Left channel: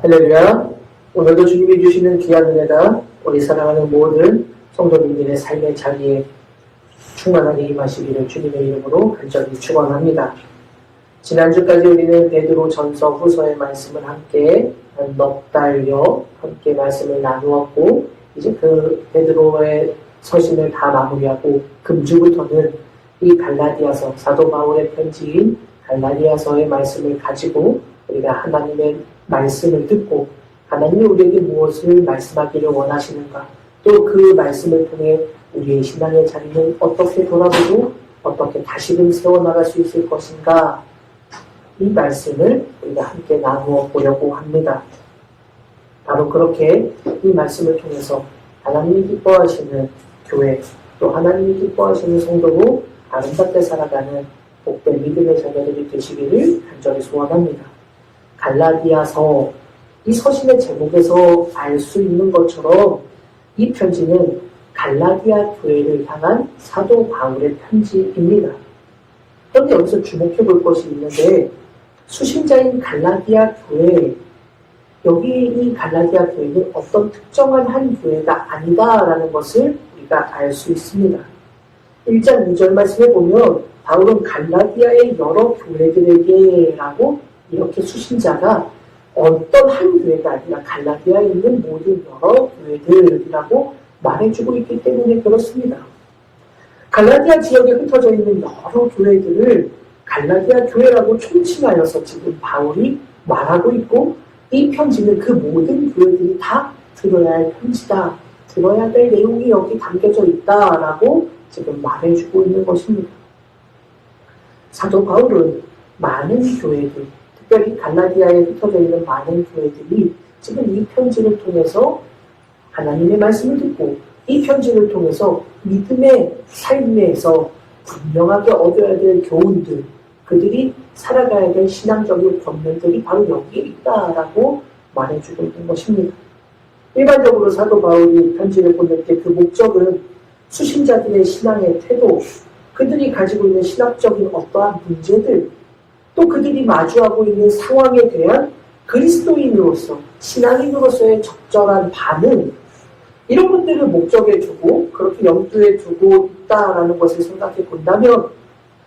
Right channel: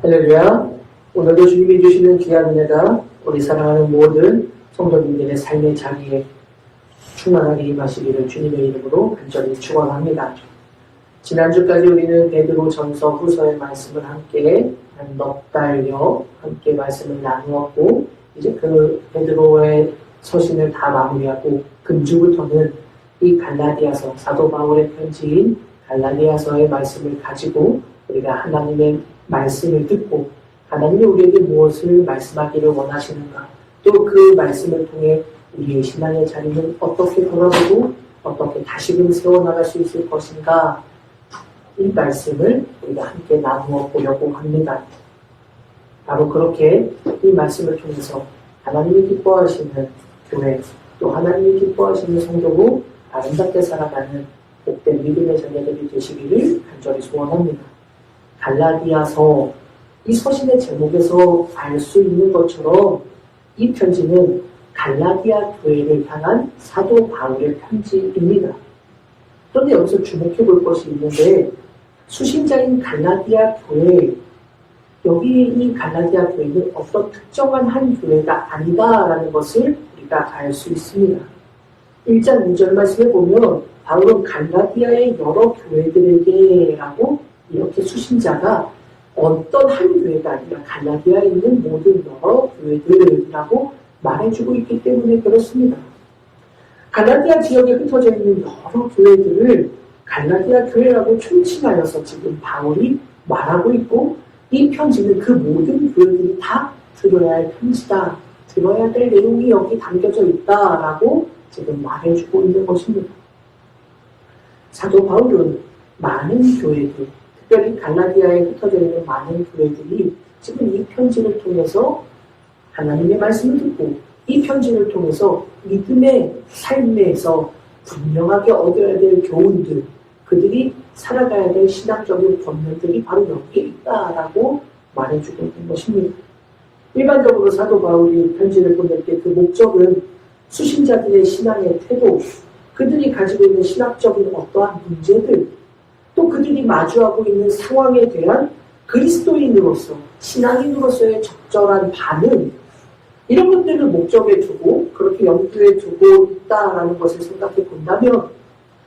할렐루야. 오늘도 주님이 주시는 귀한 은혜가 우리 사랑하는 모든 성도님들의 삶의 자리에 충만하게 임하시기를 주님의 이름으로 간절히 축원합니다. 지난주까지 우리는 베드로 전서 후서의 말씀을 함께 넉 달여 함께 말씀을 나누었고, 이제 그 베드로의 서신을 다 마무리하고 금주부터는 이 갈라디아서, 사도 바울의 편지인 갈라디아서의 말씀을 가지고 우리가 하나님의 말씀을 듣고 하나님이 우리에게 무엇을 말씀하기를 원하시는가, 또 그 말씀을 통해 우리의 신앙의 자리는 어떻게 돌아보고 어떻게 다시금 세워나갈 수 있을 것인가, 이 말씀을 우리가 함께 나누어 보려고 합니다. 바로 그렇게 이 말씀을 통해서 하나님이 기뻐하시는 교회, 또 하나님이 기뻐하시는 성도로 아름답게 살아가는 복된 믿음의 자녀들이 되시기를 간절히 소원합니다. 갈라디아서, 이 서신의 제목에서 알 수 있는 것처럼 이 편지는 갈라디아 교회를 향한 사도 바울의 편지입니다. 그런데 여기서 주목해 볼 것이 있는데, 수신자인 갈라디아 교회, 여기 이 갈라디아 교회는 어떤 특정한 한 교회가 아니다라는 것을 우리가 알 수 있습니다. 1장 2절 말씀에 보면 바울은 갈라디아의 여러 교회들에게라고 이렇게 수신자가 어떤 한 교회가 아니라 갈라디아에 있는 모든 여러 교회들이라고 말해주고 있기 때문에 그렇습니다. 갈라디아 지역에 흩어져 있는 여러 교회들을 갈라디아 교회라고 총칭하여서 지금 바울이 말하고 있고, 이 편지는 그 모든 교회들이 다 들어야 할 편지다, 들어야 될 내용이 여기 담겨져 있다라고 지금 말해주고 있는 것입니다. 사도 바울은 많은 교회들, 특별히 갈라디아에 흩어져 있는 많은 교회들이 지금 이 편지를 통해서 하나님의 말씀을 듣고, 이 편지를 통해서 믿음의 삶에서 분명하게 얻어야 될 교훈들, 그들이 살아가야 될 신앙적인 권면들이 바로 여기에 있다라고 말해주고 있는 것입니다. 일반적으로 사도 바울이 편지를 보낼 때 그 목적은 수신자들의 신앙의 태도, 그들이 가지고 있는 신학적인 어떠한 문제들, 또 그들이 마주하고 있는 상황에 대한 그리스도인으로서, 신앙인으로서의 적절한 반응, 이런 것들을 목적에 두고 그렇게 염두에 두고 있다라는 것을 생각해 본다면,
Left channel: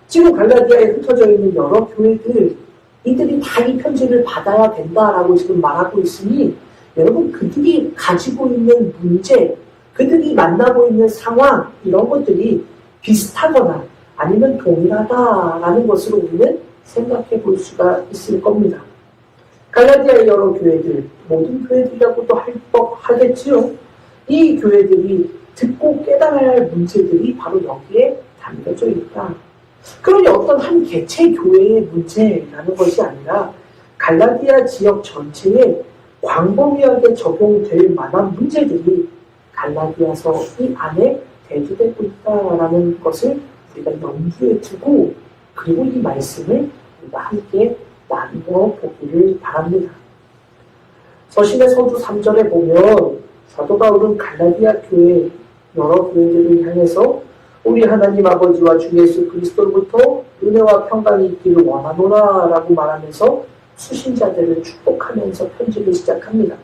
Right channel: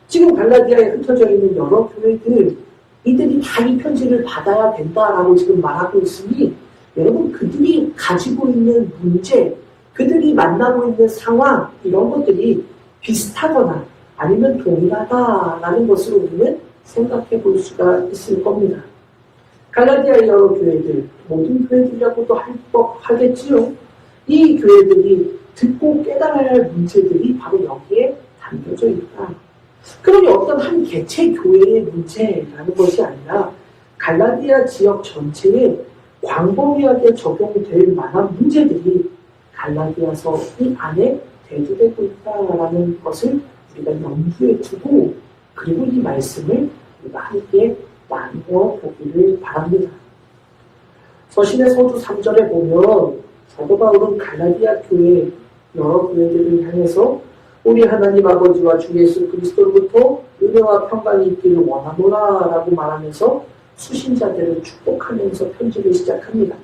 지금 갈라디아에 흩어져 있는 여러 교회들, 이들이 다 이 편지를 받아야 된다라고 지금 말하고 있으니, 여러분, 그들이 가지고 있는 문제, 그들이 만나고 있는 상황, 이런 것들이 비슷하거나 아니면 동일하다라는 것을 우리는 생각해 볼 수가 있을 겁니다. 갈라디아의 여러 교회들, 모든 교회들이라고도 하겠지요. 이 교회들이 듣고 깨달아야 할 문제들이 바로 여기에 담겨져 있다. 그러니 어떤 한 개체 교회의 문제라는 것이 아니라 갈라디아 지역 전체에 광범위하게 적용될 만한 문제들이 갈라디아서 이 안에 대두되고 있다라는 것을 우리가 염두에 두고, 그리고 이 말씀을 우리가 함께 나누어 보기를 바랍니다. 서신의 서두 3절에 보면 사도 바울은 갈라디아 교회, 여러 교회들을 향해서 우리 하나님 아버지와 주 예수 그리스도로부터 은혜와 평강이 있기를 원하노라 라고 말하면서 수신자들을 축복하면서 편지를 시작합니다.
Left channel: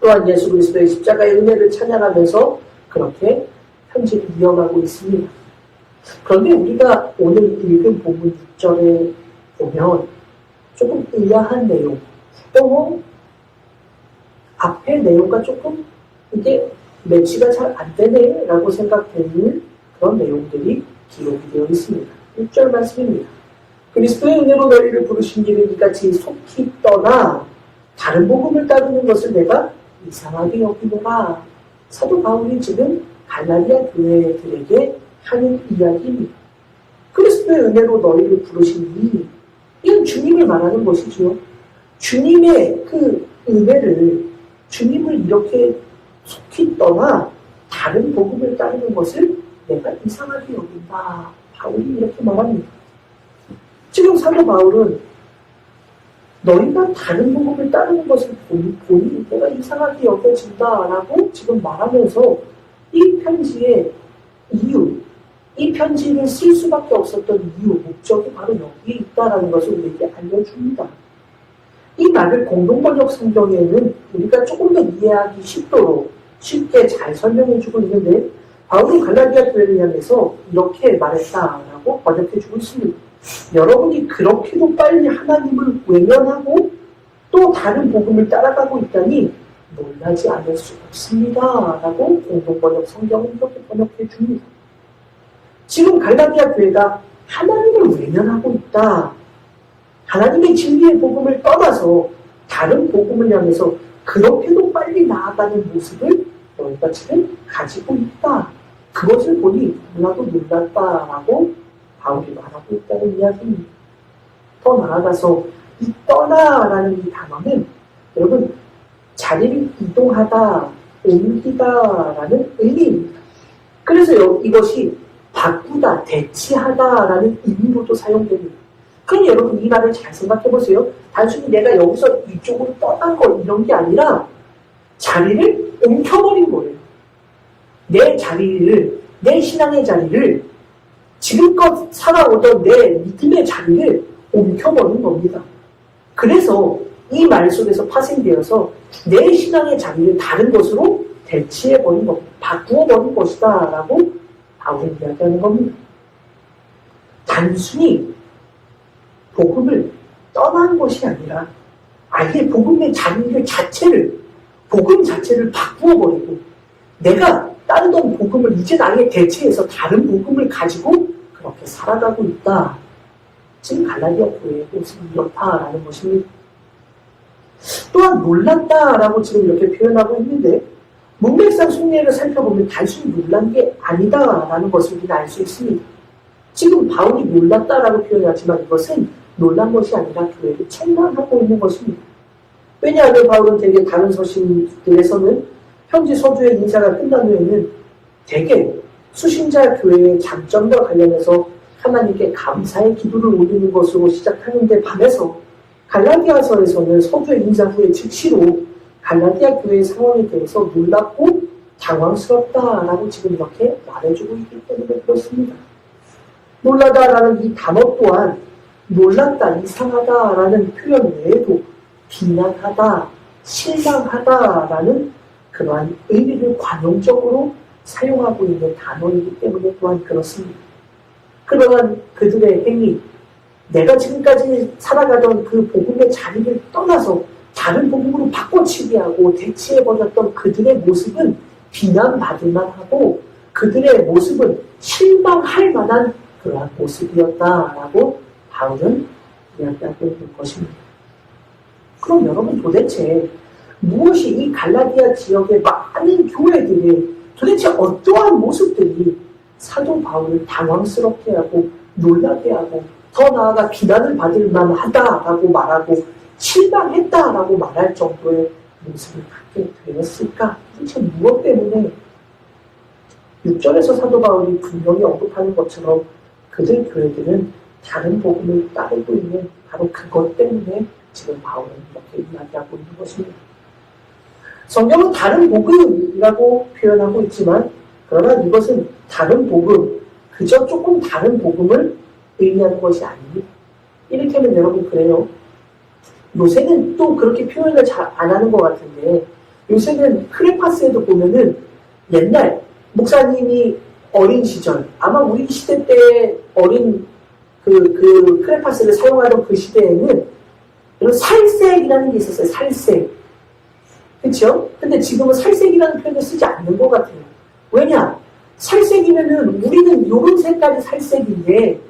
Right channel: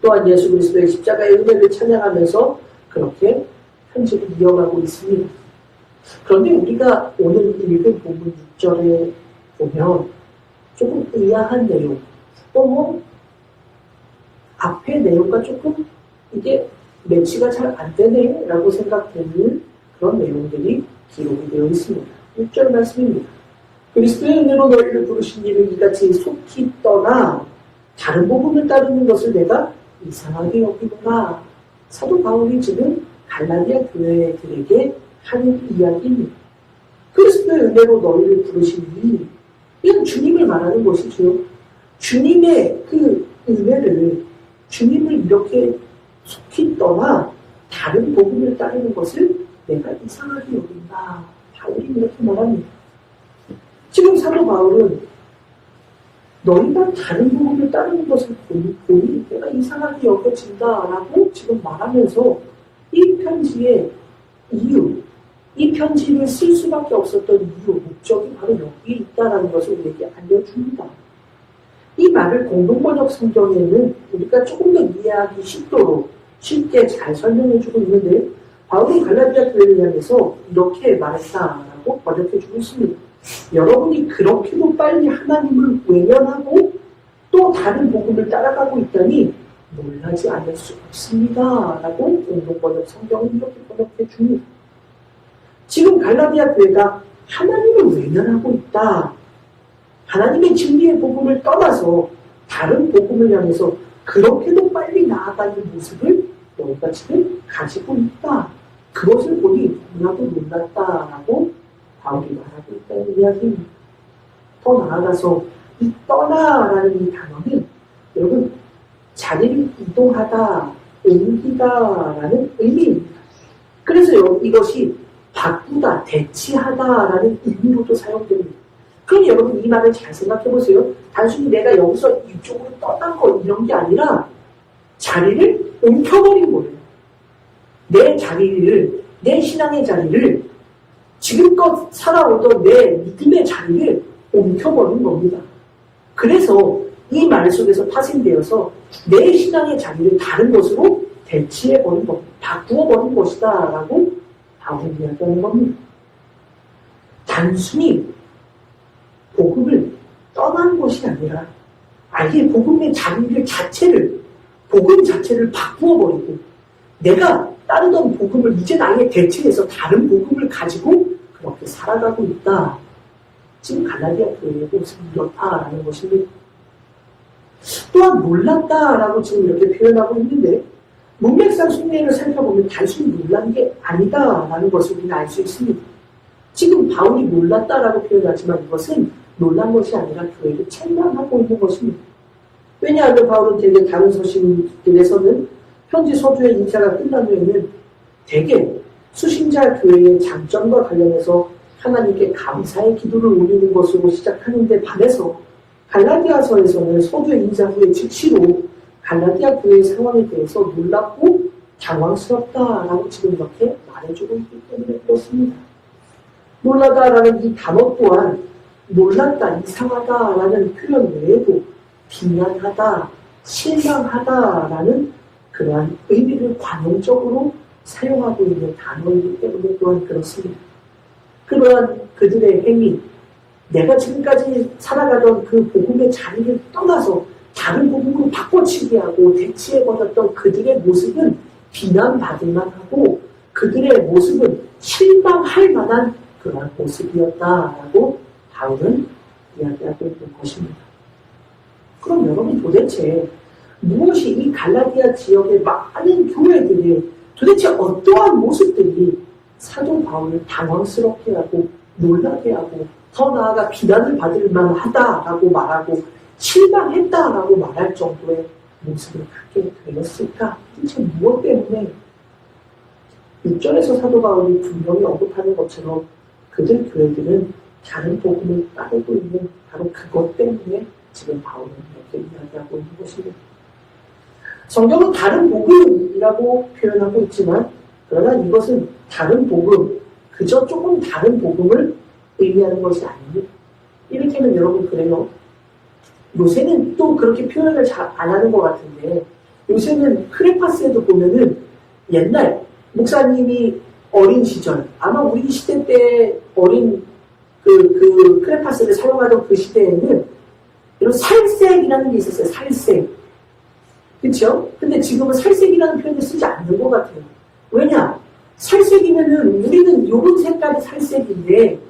또한 예수 그리스도의 십자가의 은혜를 찬양하면서 그렇게 편지를 이어가고 있습니다. 그런데 우리가 오늘 읽은 본문 6절에 보면 조금 의아한 내용, 또 앞에 내용과 조금 이게 매치가 잘 안 되네 라고 생각되는 그런 내용들이 기록이 되어 있습니다. 6절 말씀입니다. 그리스도의 은혜로 너희를 부르신 이를 이같이 속히 떠나 다른 복음을 따르는 것을 내가 이상하게 여기노라. 사도 바울이 지금 갈라디아 교회들에게 하는 이야기입니다. 그리스도의 은혜로 너희를 부르시니, 이건 주님을 말하는 것이죠. 주님의 그 은혜를, 주님을 이렇게 속히 떠나 다른 복음을 따르는 것을 내가 이상하게 여긴다. 바울이 이렇게 말합니다. 지금 사도 바울은 너희가 다른 복음을 따르는 것을 보니 내가 이상하게 여겨진다라고 지금 말하면서 이 편지의 이유, 이 편지를 쓸 수밖에 없었던 이유, 목적이 바로 여기에 있다는 것을 우리에게 알려줍니다. 이 말을 공동번역 성경에는 우리가 조금 더 이해하기 쉽도록 쉽게 잘 설명해주고 있는데 바울이 갈라디아 교회를 향해서 이렇게 말했다라고 번역해주고 있습니다. 여러분이 그렇게도 빨리 하나님을 외면하고 또 다른 복음을 따라가고 있다니 놀라지 않을 수 없습니다. 라고 공동번역 성경은 이렇게 번역해 줍니다. 지금 갈라디아 교회가 하나님을 외면하고 있다. 하나님의 진리의 복음을 떠나서 다른 복음을 향해서 그렇게도 빨리 나아가는 모습을 너희가 지금 가지고 있다. 그것을 보니 너무나도 놀랐다라고 바울이 말하고 있다는 이야기입니다. 더 나아가서 이 떠나라는 이 단어는 여러분 자리를 이동하다, 옮기다라는 의미입니다. 그래서 이것이 바꾸다, 대치하다라는 의미로도 사용됩니다. 그럼 여러분 이 말을 잘 생각해 보세요. 단순히 내가 여기서 이쪽으로 떠난 거 이런 게 아니라 자리를 옮겨버린 거예요. 내 자리를, 내 신앙의 자리를 지금껏 살아오던 내 믿음의 자리를 옮겨버린 겁니다. 그래서 이 말 속에서 파생되어서 내 신앙의 자리를 다른 것으로 대치해버린 것, 바꾸어버린 것이다 라고 바울이 이야기하는 겁니다. 단순히 복음을 떠난 것이 아니라 아예 복음의 자리를 복음 자체를 바꾸어버리고 내가 따르던 복음을 이제 아예 대체해서 다른 복음을 가지고 그렇게 살아가고 있다. 지금 갈라디아 교회의 모습이 이렇다라는 것입니다. 또한 놀랐다라고 지금 이렇게 표현하고 있는데 문맥상 속내를 살펴보면 단순히 놀란 게 아니다라는 것을 우리는 알 수 있습니다. 지금 바울이 놀랐다라고 표현하지만 이것은 놀란 것이 아니라 교회를 책망하고 있는 것입니다. 왜냐하면 바울은 대개 다른 서신들에서는 편지 서두의 인사가 끝난 후에는 대개 수신자 교회의 장점과 관련해서 하나님께 감사의 기도를 올리는 것으로 시작하는데 반해서 갈라디아서에서는 서두의 인사 후에 즉시로 갈라디아 교회의 상황에 대해서 놀랍고 당황스럽다라고 지금 이렇게 말해주고 있기 때문에 그렇습니다. 놀라다라는 이 단어 또한 놀랐다, 이상하다라는 표현 외에도 비난하다, 실망하다라는 그러한 의미를 관용적으로 사용하고 있는 단어이기 때문에 또한 그렇습니다. 그러한 그들의 행위, 내가 지금까지 살아가던 그 복음의 자리를 떠나서 다른 복음으로 바꿔치기 하고 대치해버렸던 그들의 모습은 비난받을 만하고 그들의 모습은 실망할 만한 그러한 모습이었다라고 바울은 이야기하고 있는 것입니다. 그럼 여러분 도대체 무엇이 이 갈라디아 지역의 많은 교회들이 도대체 어떠한 모습들이 사도 바울을 당황스럽게 하고 놀라게 하고 더 나아가 비난을 받을 만하다라고 말하고 실망했다라고 말할 정도의 모습을 갖게 되었을까? 도대체 무엇 때문에 6절에서 사도 바울이 분명히 언급하는 것처럼 그들 교회들은 다른 복음을 따르고 있는 바로 그것 때문에 지금 바울은 이렇게 이야기하고 있는 것입니다. 성경은 다른 복음이라고 표현하고 있지만 그러나 이것은 다른 복음, 그저 조금 다른 복음을 의미하는 것이 아닙니다. 이를테면 여러분 그래요. 요새는 또 그렇게 표현을 잘 안 하는 것 같은데 요새는 크레파스에도 보면은 옛날 목사님이 어린 시절 아마 우리 시대 때 어린 그 크레파스를 사용하던 그 시대에는 이런 살색이라는 게 있었어요. 살색. 그렇죠? 근데 지금은 살색이라는 표현을 쓰지 않는 것 같아요. 왜냐? 살색이면은 우리는 요런 색깔이 살색인데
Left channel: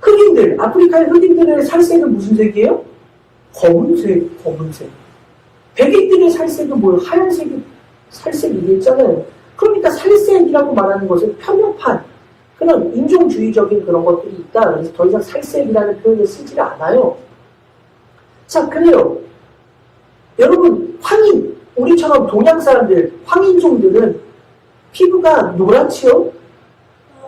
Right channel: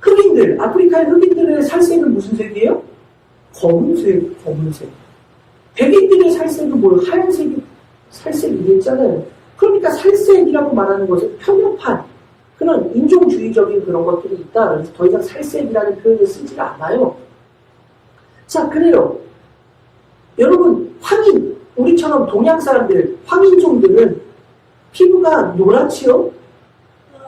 흑인들, 아프리카의 흑인들의 살색은 무슨 색이에요? 검은색, 검은색. 백인들의 살색은 뭐예요? 하얀색이 살색이겠잖아요. 그러니까 살색이라고 말하는 것은 편협한 그런 인종주의적인 그런 것들이 있다. 그래서 더 이상 살색이라는 표현을 쓰지 않아요. 자, 그래요. 여러분, 황인, 우리처럼 동양 사람들, 황인종들은 피부가 노랗지요?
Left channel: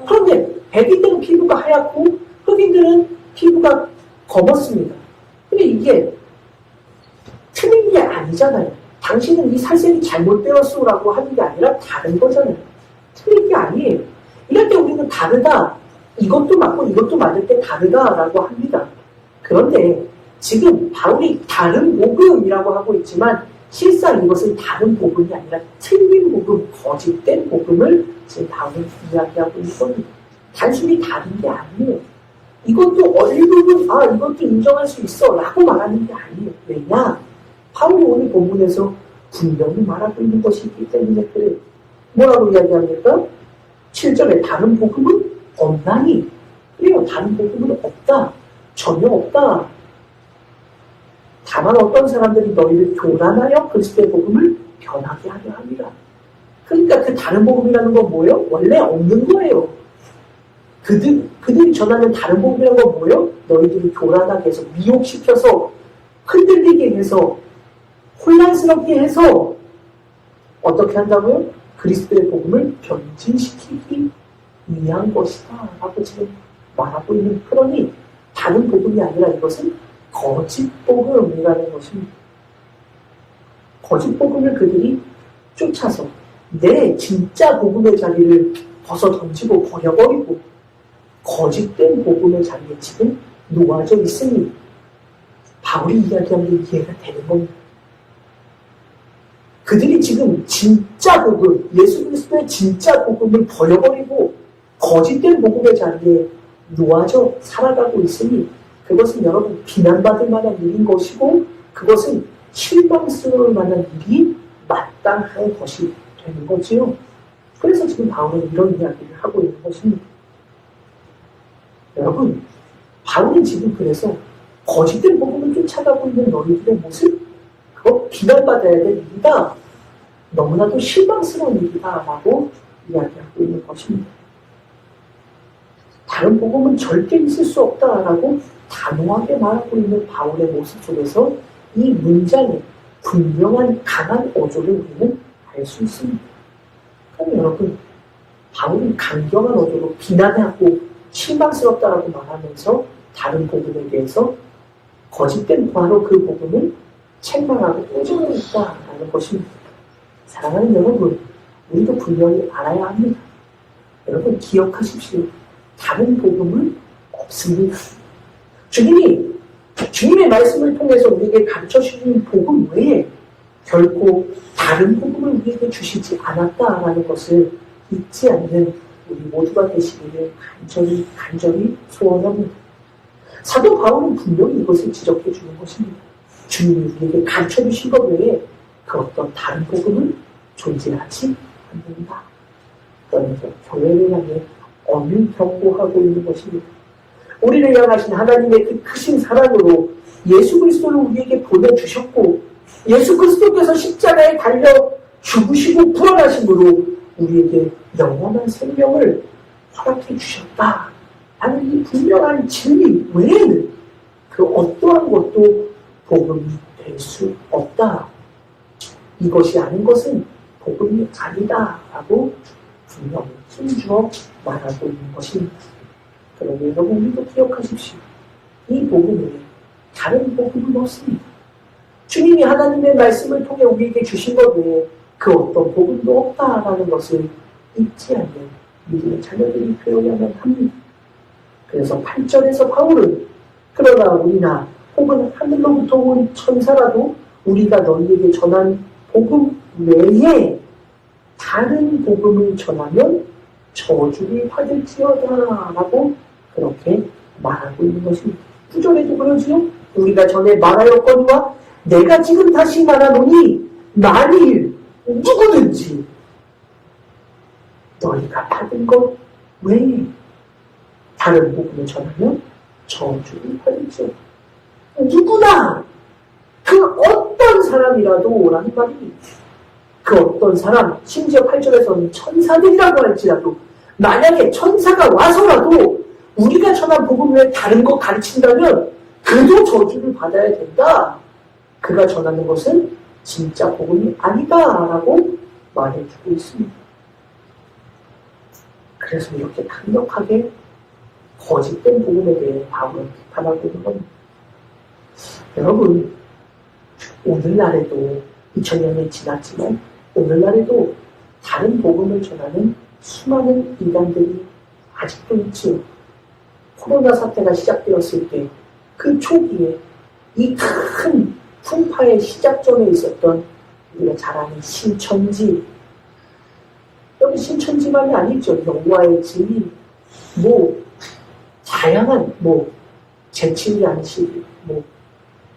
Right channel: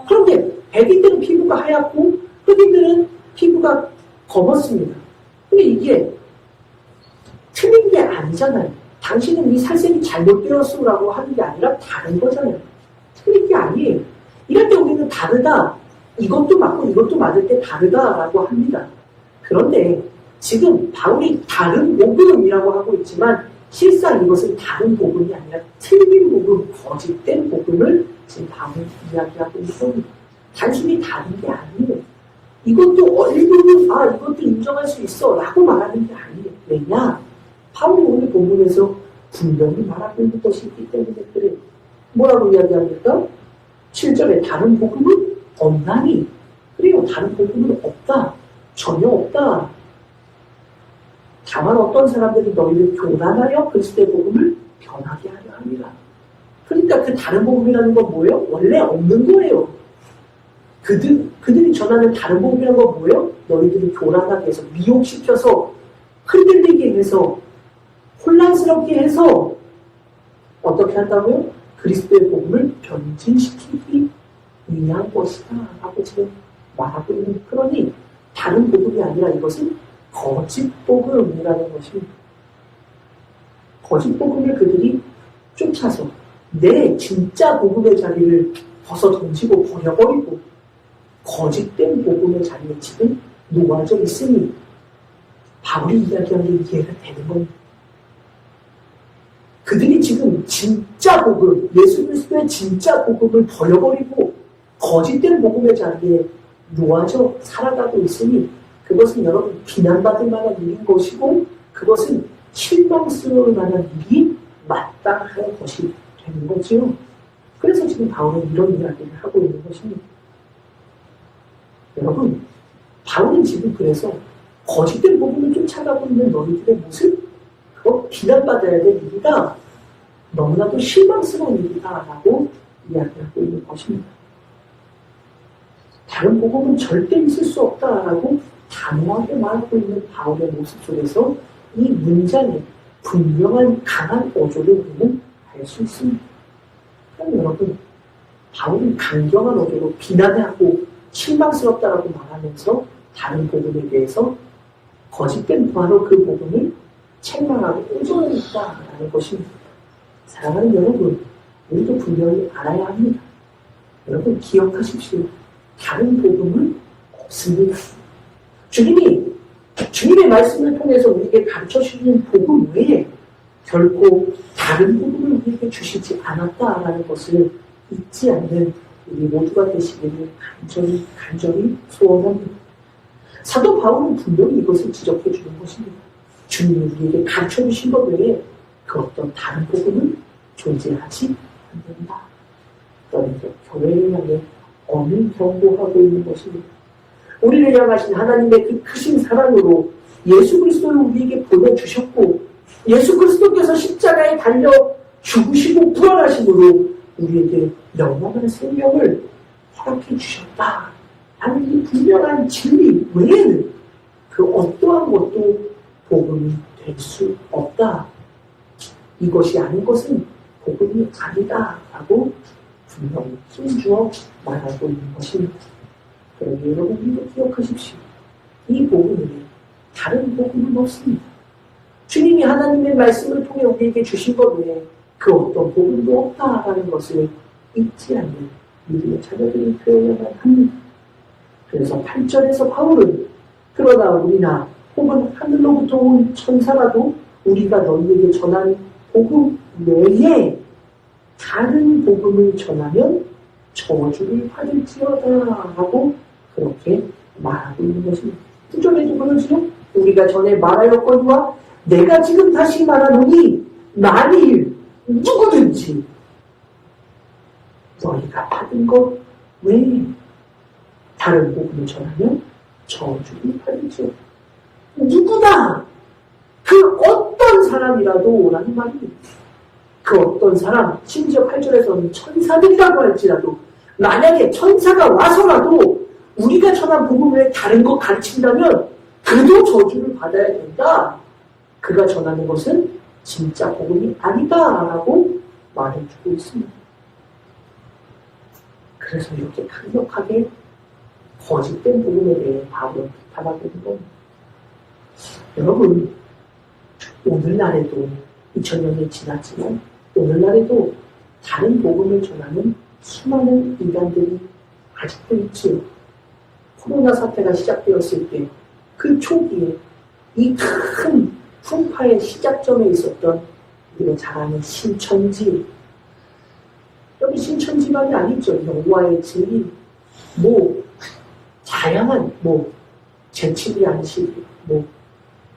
그런데 백인들은 피부가 하얗고 흑인들은 피부가 검었습니다. 근데 이게 틀린 게 아니잖아요. 당신은 이 살색이 잘못되었으라고 하는 게 아니라 다른 거잖아요. 틀린 게 아니에요. 이럴 때 우리는 다르다. 이것도 맞고 이것도 맞을 때 다르다라고 합니다. 그런데 지금 바울이 다른 복음이라고 하고 있지만 실상 이것은 다른 복음이 아니라 틀린 복음, 거짓된 복음을 지금 바울이 이야기하고 있는 겁니다. 단순히 다른 게 아니에요. 이것도 일부분 이것도 인정할 수 있어 라고 말하는 게 아니에요. 왜냐? 바울이 오늘 본문에서 분명히 말하고 있는 것이 있기 때문에 그래요. 뭐라고 이야기합니까? 7절에 다른 복음은 없나니? 그래요. 다른 복음은 없다. 전혀 없다. 다만 어떤 사람들이 너희를 교란하여 그리스도의 복음을 변하게 하려 합니다. 그러니까 그 다른 복음이라는 건 뭐예요? 원래 없는 거예요. 그들이 전하는 다른 복음이라는 건 뭐예요? 너희들이 교란하게 해서 미혹시켜서 흔들리게 해서 혼란스럽게 해서 어떻게 한다고요? 그리스도의 복음을 변질시키기 위한 것이다 라고 지금 말하고 있는. 그러니 다른 복음이 아니라 이것은 거짓 복음이라는 것입니다. 거짓 복음을 그들이 쫓아서 내 진짜 복음의 자리를 벗어 던지고 버려버리고 거짓된 복음의 자리에 지금 놓아져 있으니 바울이 이야기한 게 이해가 되는 겁니다. 그들이 지금 진짜 복음, 예수 그리스도의 진짜 복음을 버려버리고 거짓된 복음의 자리에 놓아져 살아가고 있으니 그것은 여러분 비난받을 만한 일인 것이고 그것은 실망스러울 만한 일이 마땅한 것이 되는 거지요. 그래서 지금 바울은 이런 이야기를 하고 있는 것입니다. 여러분, 바울은 지금 그래서 거짓된 복음을 쫓아가고 있는 너희들의 모습, 그거 비난받아야 될 일이다. 너무나도 실망스러운 일이다. 라고 이야기하고 있는 것입니다. 다른 복음은 절대 있을 수 없다라고 단호하게 말하고 있는 바울의 모습 속에서 이 문장에 분명한 강한 어조를 우리는 알 수 있습니다. 그럼 여러분, 바울은 강경한 어조로 비난하고 실망스럽다라고 말하면서 다른 복음에 대해서 거짓된 바로 그 복음을 책망하고 끄집어냈다라는 것입니다. 사랑하는 여러분, 우리도 분명히 알아야 합니다. 여러분 기억하십시오. 다른 복음은 없습니다. 주님의 말씀을 통해서 우리에게 가르쳐 주시는 복음 외에 결코 다른 복음을 우리에게 주시지 않았다라는 것을 잊지 않는 우리 모두가 되시기를 간절히 소원합니다. 사도 바울은 분명히 이것을 지적해 주는 것입니다. 주님이 우리에게 가르쳐 주신 것 외에 그 어떤 다른 복음은 존재하지 않는다. 그러면서 교회를 향해 엄히 경고하고 있는 것입니다. 우리를 향하신 하나님의 그 크신 사랑으로 예수 그리스도를 우리에게 보내주셨고 예수 그리스도께서 십자가에 달려 죽으시고 부활하심으로 우리에게 영원한 생명을 허락해 주셨다. 라는 이 분명한 진리 외에는 그 어떠한 것도 복음이 될 수 없다. 이것이 아닌 것은 복음이 아니다. 라고 분명히 힘주어 말하고 있는 것입니다. 그러니 여러분 우리도 기억하십시오. 이 복음에 다른 복음은 없습니다. 주님이 하나님의 말씀을 통해 우리에게 주신 것 외에 그 어떤 복음도 없다라는 것을 잊지 않는 믿음의 자녀들이 되어야만 합니다. 그래서 8절에서 바울은 그러나 우리나 혹은 하늘로부터 온 천사라도 우리가 너희에게 전한 복음 외에 다른 복음을 전하면 저주를 받을지어다 라고 그렇게 말하고 있는 것입니다. 9절에도 그러지요. 우리가 전에 말하였거니와 내가 지금 다시 말하노니 만일 누구든지 너희가 받은 것 외에 다른 복음을 전하면 저주를 받을지어다. 누구나 그 어떤 사람이라도 라는 말입니다. 그 어떤 사람, 심지어 8절에서는 천사들이라고 할지라도 만약에 천사가 와서라도 우리가 전한 복음 외에 다른 거 가르친다면 그도 저주를 받아야 된다. 그가 전하는 것은 진짜 복음이 아니다라고 말해주고 있습니다. 그래서 이렇게 강력하게 거짓된 복음에 대해 바울은 비판하고 있는 겁니다. 여러분, 오늘날에도 2000년이 지났지만 오늘날에도 다른 복음을 전하는 수많은 인간들이 아직도 있지요. 코로나 사태가 시작되었을 때 그 초기에 이 큰 풍파의 시작점에 있었던 우리가 잘 아는 신천지. 여기 신천지만이 아니죠. 영화의 진리, 다양한 제칠이 안식이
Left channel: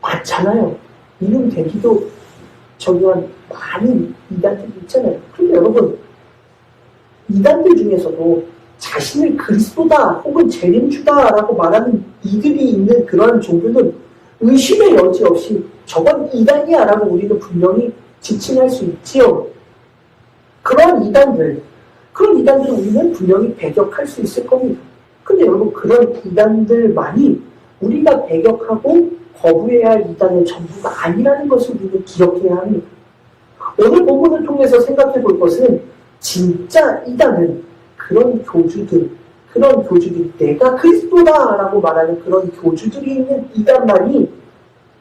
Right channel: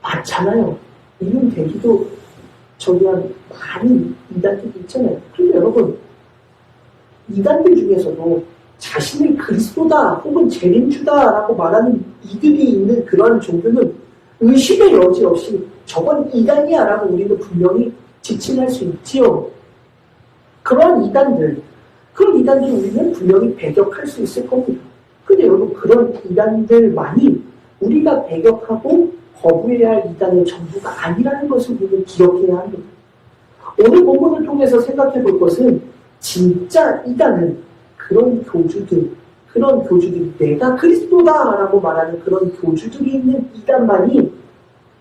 많잖아요. 이름 대기도 저기한 많은 이단들이 있잖아요. 그런데 여러분, 이단들 중에서도 자신을 그리스도다 혹은 재림주다라고 말하는 이들이 있는 그러한 종교는 의심의 여지 없이 저건 이단이야 라고 우리는 분명히 지칭할 수 있지요. 그런 이단들 우리는 분명히 배격할 수 있을 겁니다. 근데 여러분, 그런 이단들만이 우리가 배격하고 거부해야 할 이단의 전부가 아니라는 것을 우리는 기억해야 합니다. 오늘 본문을 통해서 생각해 볼 것은 진짜 이단은 그런 교주들이 내가 그리스도다라고 말하는 그런 교주들이 있는 이단만이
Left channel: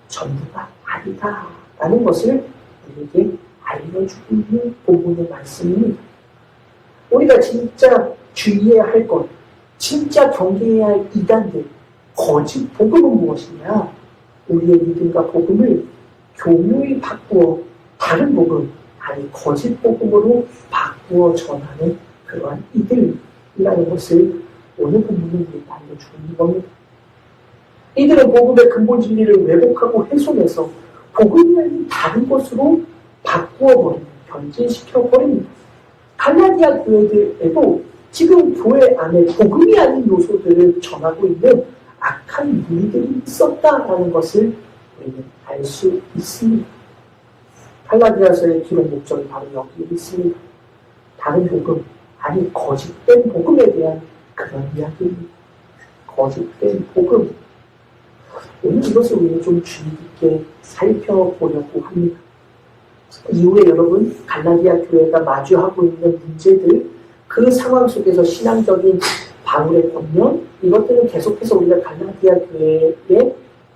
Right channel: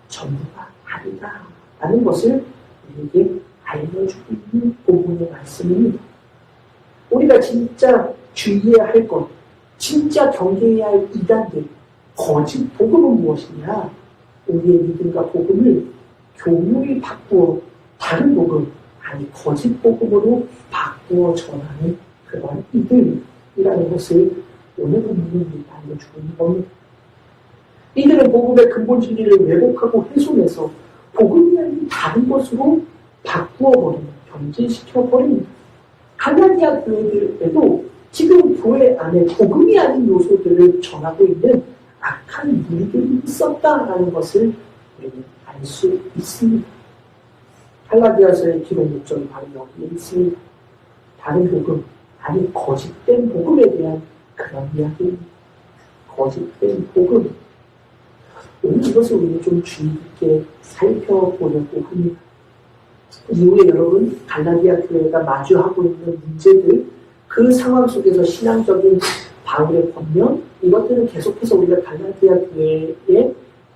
전부가 아니다라는 것을 우리에게 알려주고 있는 본문의 말씀입니다. 우리가 진짜 주의해야 할 것, 진짜 경계해야 할 이단들, 거짓 복음은 무엇이냐? 우리의 믿음과 복음을 교묘히 바꾸어 다른 복음, 아니 거짓 복음으로 바꾸어 전하는 그러한 이들이라는 것을 오늘 본문은 알려주고 있는 겁니다. 이들은 복음의 근본 진리를 왜곡하고 훼손해서 복음이 아닌 다른 것으로 바꾸어버리는, 변질시켜버립니다. 갈라디아 교회들에도 지금 교회 안에 복음이 아닌 요소들을 전하고 있는 악한 무리들이 있었다라는 것을 우리는 알 수 있습니다. 갈라디아서의 기록 목적이 바로 여기에 있습니다. 다른 복음, 아니 거짓된 복음에 대한 그런 이야기입니다. 거짓된 복음. 오늘 이것을 우리는 좀 주의 깊게 살펴보려고 합니다. 이후에 여러분, 갈라디아 교회가 마주하고 있는 문제들, 그 상황 속에서 신앙적인 바울의 권면, 이것들은 계속해서 우리가 갈라디아 교회의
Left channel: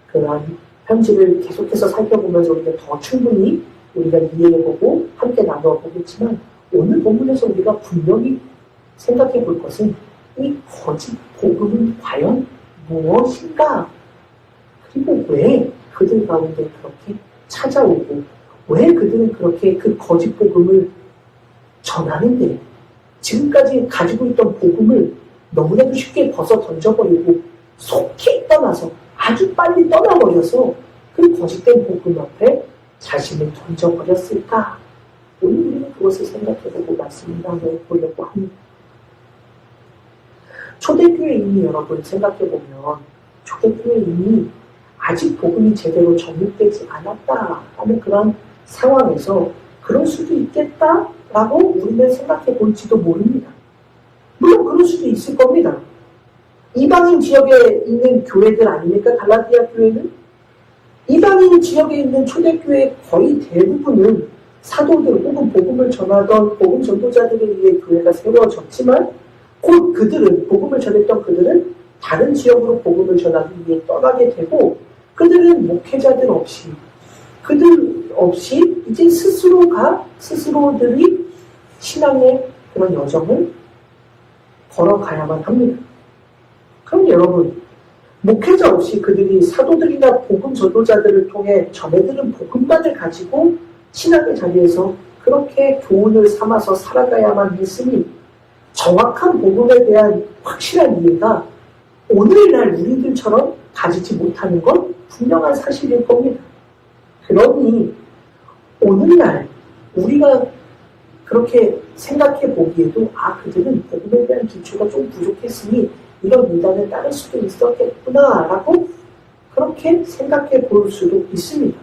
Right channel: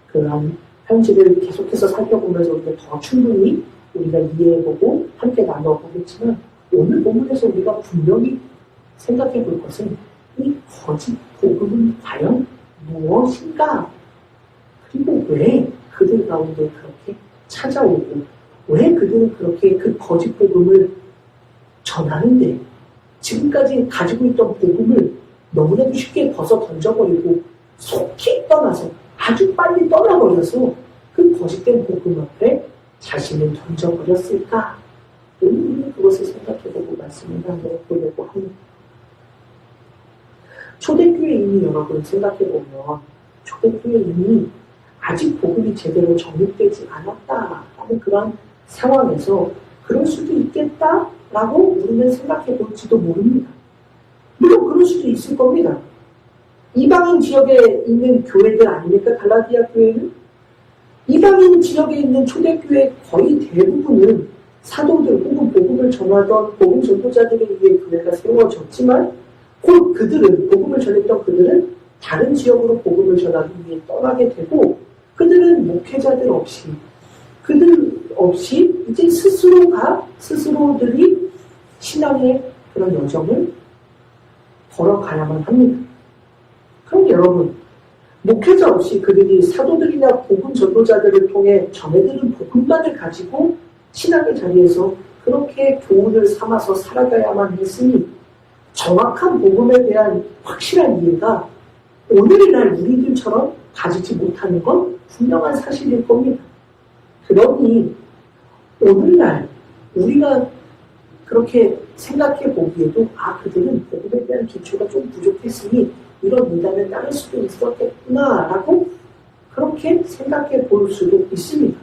그러한 편지를 계속해서 살펴보면서 우리가 더 충분히 우리가 이해해보고 함께 나눠보겠지만, 오늘 본문에서 우리가 분명히 생각해 볼 것은 이 거짓 복음은 과연 무엇인가? 그리고 왜 그들 가운데 그렇게 찾아오고 왜 그들은 그렇게 그 거짓 복음을 전하는데 지금까지 가지고 있던 복음을 너무나도 쉽게 벗어 던져버리고 속히 떠나서 아주 빨리 떠나버려서 그 거짓된 복음 옆에 자신을 던져버렸을까? 오늘 우리는 그것을 생각해보고 말씀을 나눠보려고 합니다. 초대교회인이 여러분 생각해보면 초대교회인이 아직 복음이 제대로 정립되지 않았다 하는 그런 상황에서 그럴 수도 있겠다라고 우리는 생각해 볼지도 모릅니다. 물론 그럴 수도 있을 겁니다. 이방인 지역에 있는 교회들 아닙니까? 갈라디아 교회는? 이방인 지역에 있는 초대교회 거의 대부분은 사도들 혹은 복음을 전하던 복음 전도자들에 의해 교회가 세워졌지만 곧 그들은, 복음을 전했던 그들은 다른 지역으로 복음을 전하기 위해 떠나게 되고 그들은 목회자들 없이 이제 스스로들이 신앙의 그런 여정을 걸어가야만 합니다. 그런데 여러분, 목회자 없이 그들이 사도들이나 복음 전도자들을 통해 전해들은 복음만을 가지고 신학의 자리에서 그렇게 교훈을 삼아서 살아가야만 했으니 정확한 복음에 대한 확실한 이해가 오늘날 우리들처럼 가지지 못하는 건 분명한 사실일 겁니다. 그러니 오늘날 우리가 그렇게 생각해 보기에도 그들은 복음에 대한 기초가 좀 부족했으니 이런 이단을 따를 수도 있었겠구나 라고 그렇게 생각해 볼 수도 있습니다.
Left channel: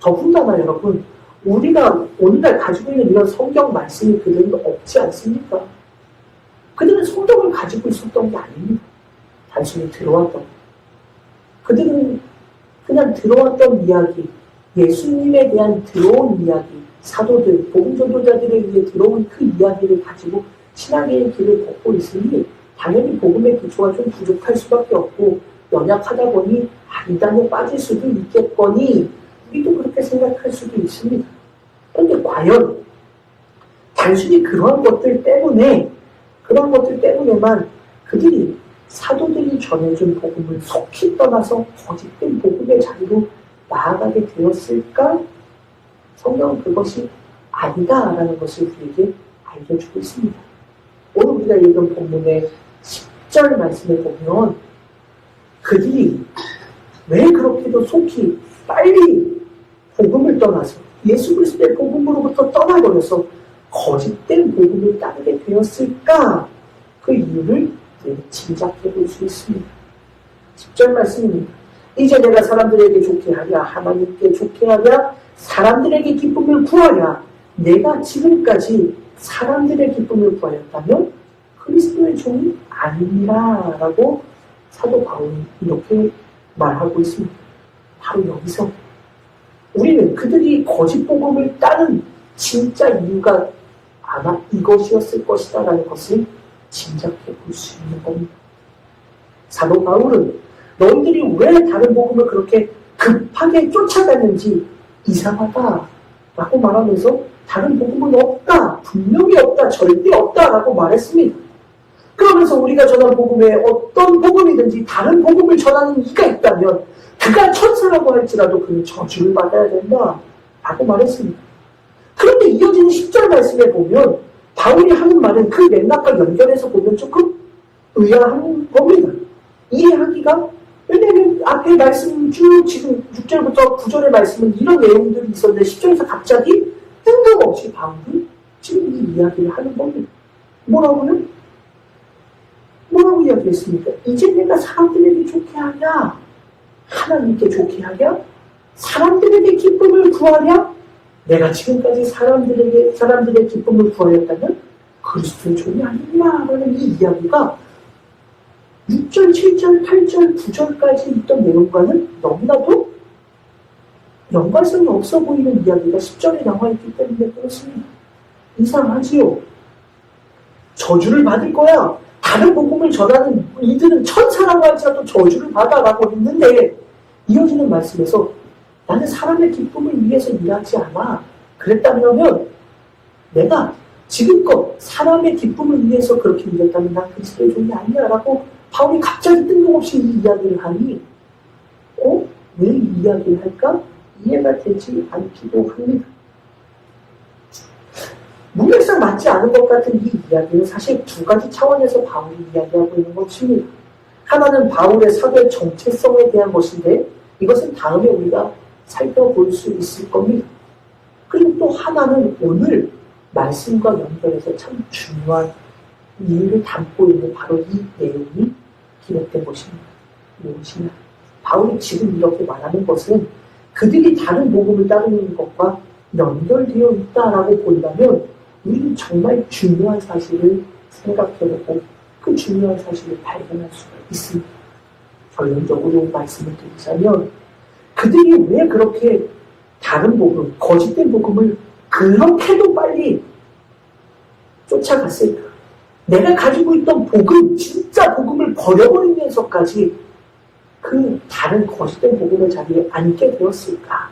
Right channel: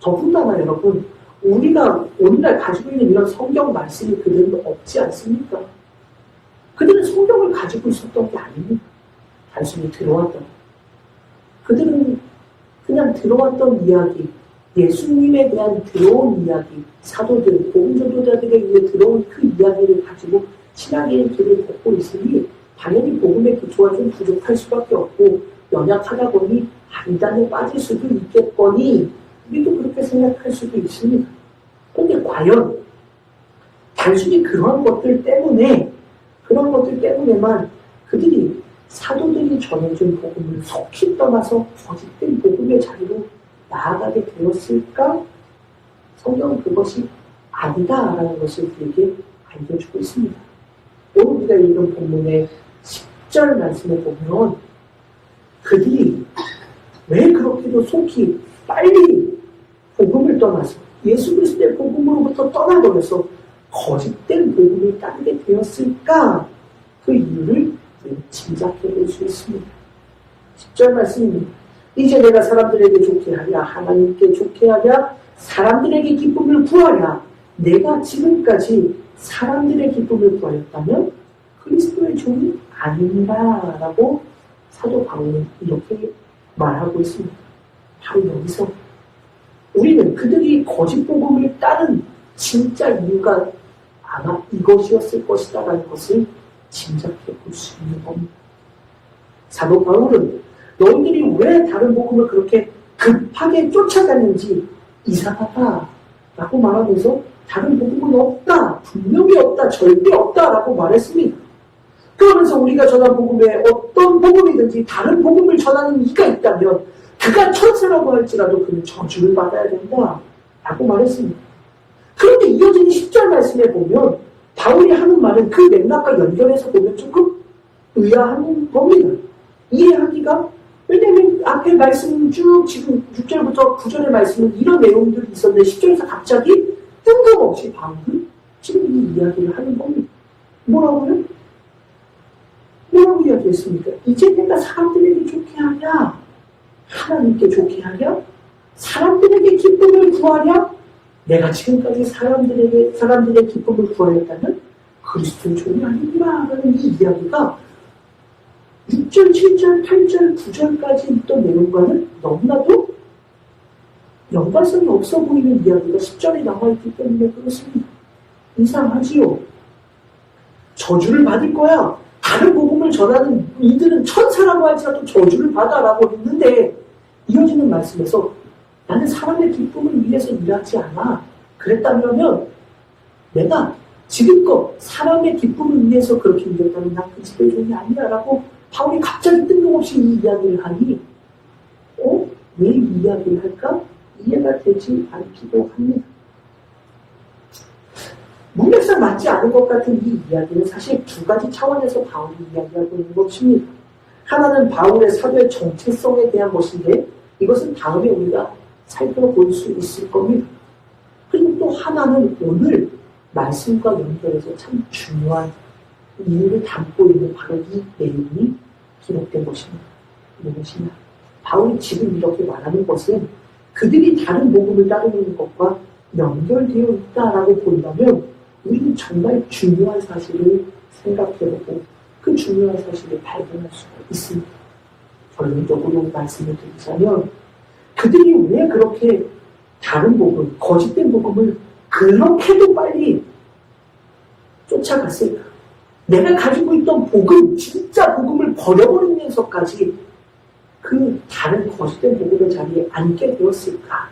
더군다나 여러분, 우리가 오늘날 가지고 있는 이런 성경 말씀이 그들은 없지 않습니까? 그들은 성경을 가지고 있었던 게 아닙니다. 단순히 들어왔던 그들은 그냥 들어왔던 이야기, 예수님에 대한 들어온 이야기, 사도들, 복음 전도자들에 의해 들어온 그 이야기를 가지고 신앙의 길을 걷고 있으니 당연히 복음의 기초가 좀 부족할 수밖에 없고 연약하다 보니 이단에 빠질 수도 있겠거니 우리도 그렇게 생각할 수도 있습니다. 그런데 과연 단순히 그런 것들 때문에만 그들이 사도들이 전해준 복음을 속히 떠나서 거짓된 복음의 자리로 나아가게 되었을까? 성경은 그것이 아니다라는 것을 우리에게 알려주고 있습니다. 오늘 우리가 읽은 본문의 10절 말씀에 보면 그들이 왜 그렇게도 속히 빨리 복음을 떠나서 예수 그리스도의 복음으로부터 떠나버려서 거짓된 복음을 따르게 되었을까? 그 이유를 짐작해 볼 수 있습니다. 10절 말씀입니다. 이제 내가 사람들에게 좋게 하랴 하나님께 좋게 하랴 사람들에게 기쁨을 구하랴 내가 지금까지 사람들의 기쁨을 구하였다면 그리스도의 종이 아니니라 라고 사도 바울은 이렇게 말하고 있습니다. 바로 여기서 우리는 그들이 거짓 복음을 따른 진짜 이유가 아마 이것이었을 것이다 라는 것을 짐작해 볼 수 있는 겁니다. 사도 바울은 너희들이 왜 다른 복음을 그렇게 급하게 쫓아갔는지 이상하다 라고 말하면서 다른 복음은 없다, 분명히 없다, 절대 없다 라고 말했습니다. 그러면서 우리가 전한 복음에 어떤 복음이든지 다른 복음을 전하는 이가 있다면 그가 천사라고 할지라도 그는 저주를 받아야 된다 라고 말했습니다. 그런데 이어지는 10절 말씀에 보면 바울이 하는 말은 그 맥락과 연결해서 보면 조금 의아한 겁니다. 이해하기가 왜냐하면 앞에 말씀 쭉 지금 6절부터 9절의 말씀은 이런 내용들이 있었는데 10절에서 갑자기 뜬금없이 바울은 지금 이 이야기를 하는 겁니다. 뭐라고요? 뭐라고 이야기했습니까? 이제 내가 사람들에게 좋게 하랴 하나님께 좋게 하랴 사람들에게 기쁨을 구하랴 내가 지금까지 사람들의 기쁨을 구하였다면 그리스도의 종이 아니구나 라는 이 이야기가 6절, 7절, 8절, 9절까지 있던 내용과는 너무나도 연관성이 없어 보이는 이야기가 10절에 나와있기 때문에 그렇습니다. 이상하지요. 저주를 받을 거야. 다른 복음을 전하는 이들은 천사라고 할지라도 저주를 받아라고 했는데 이어지는 말씀에서 나는 사람의 기쁨을 위해서 일하지 않아. 그랬다면 내가 지금껏 사람의 기쁨을 위해서 그렇게 일했다면 난 그리스도의 종이 아니야 라고 바울이 갑자기 뜬금없이 이 이야기를 하니 왜 이 이야기를 할까? 이해가 되지 않기도 합니다. 문맥상 맞지 않은 것 같은 이 이야기는 사실 두 가지 차원에서 바울이 이야기하고 있는 것입니다. 하나는 바울의 사도의 정체성에 대한 것인데 이것은 다음에 우리가 살펴볼 수 있을 겁니다. 그리고 또 하나는 오늘 말씀과 연결해서 참 중요한 이유를 담고 있는 바로 이 내용이 기록된 것입니다. 무엇이냐? 바울이 지금 이렇게 말하는 것은 그들이 다른 복음을 따르는 것과 연결되어 있다라고 본다면 우리는 정말 중요한 사실을 생각해보고 그 중요한 사실을 발견할 수가 있습니다. 결론적으로 말씀을 드리자면 그들이 왜 그렇게 다른 복음, 거짓된 복음을 그렇게도 빨리 쫓아갔을까? 내가 가지고 있던 복음, 진짜 복음을 버려버리면서까지 그 다른 거짓된 복음을 자기에 안게 되었을까?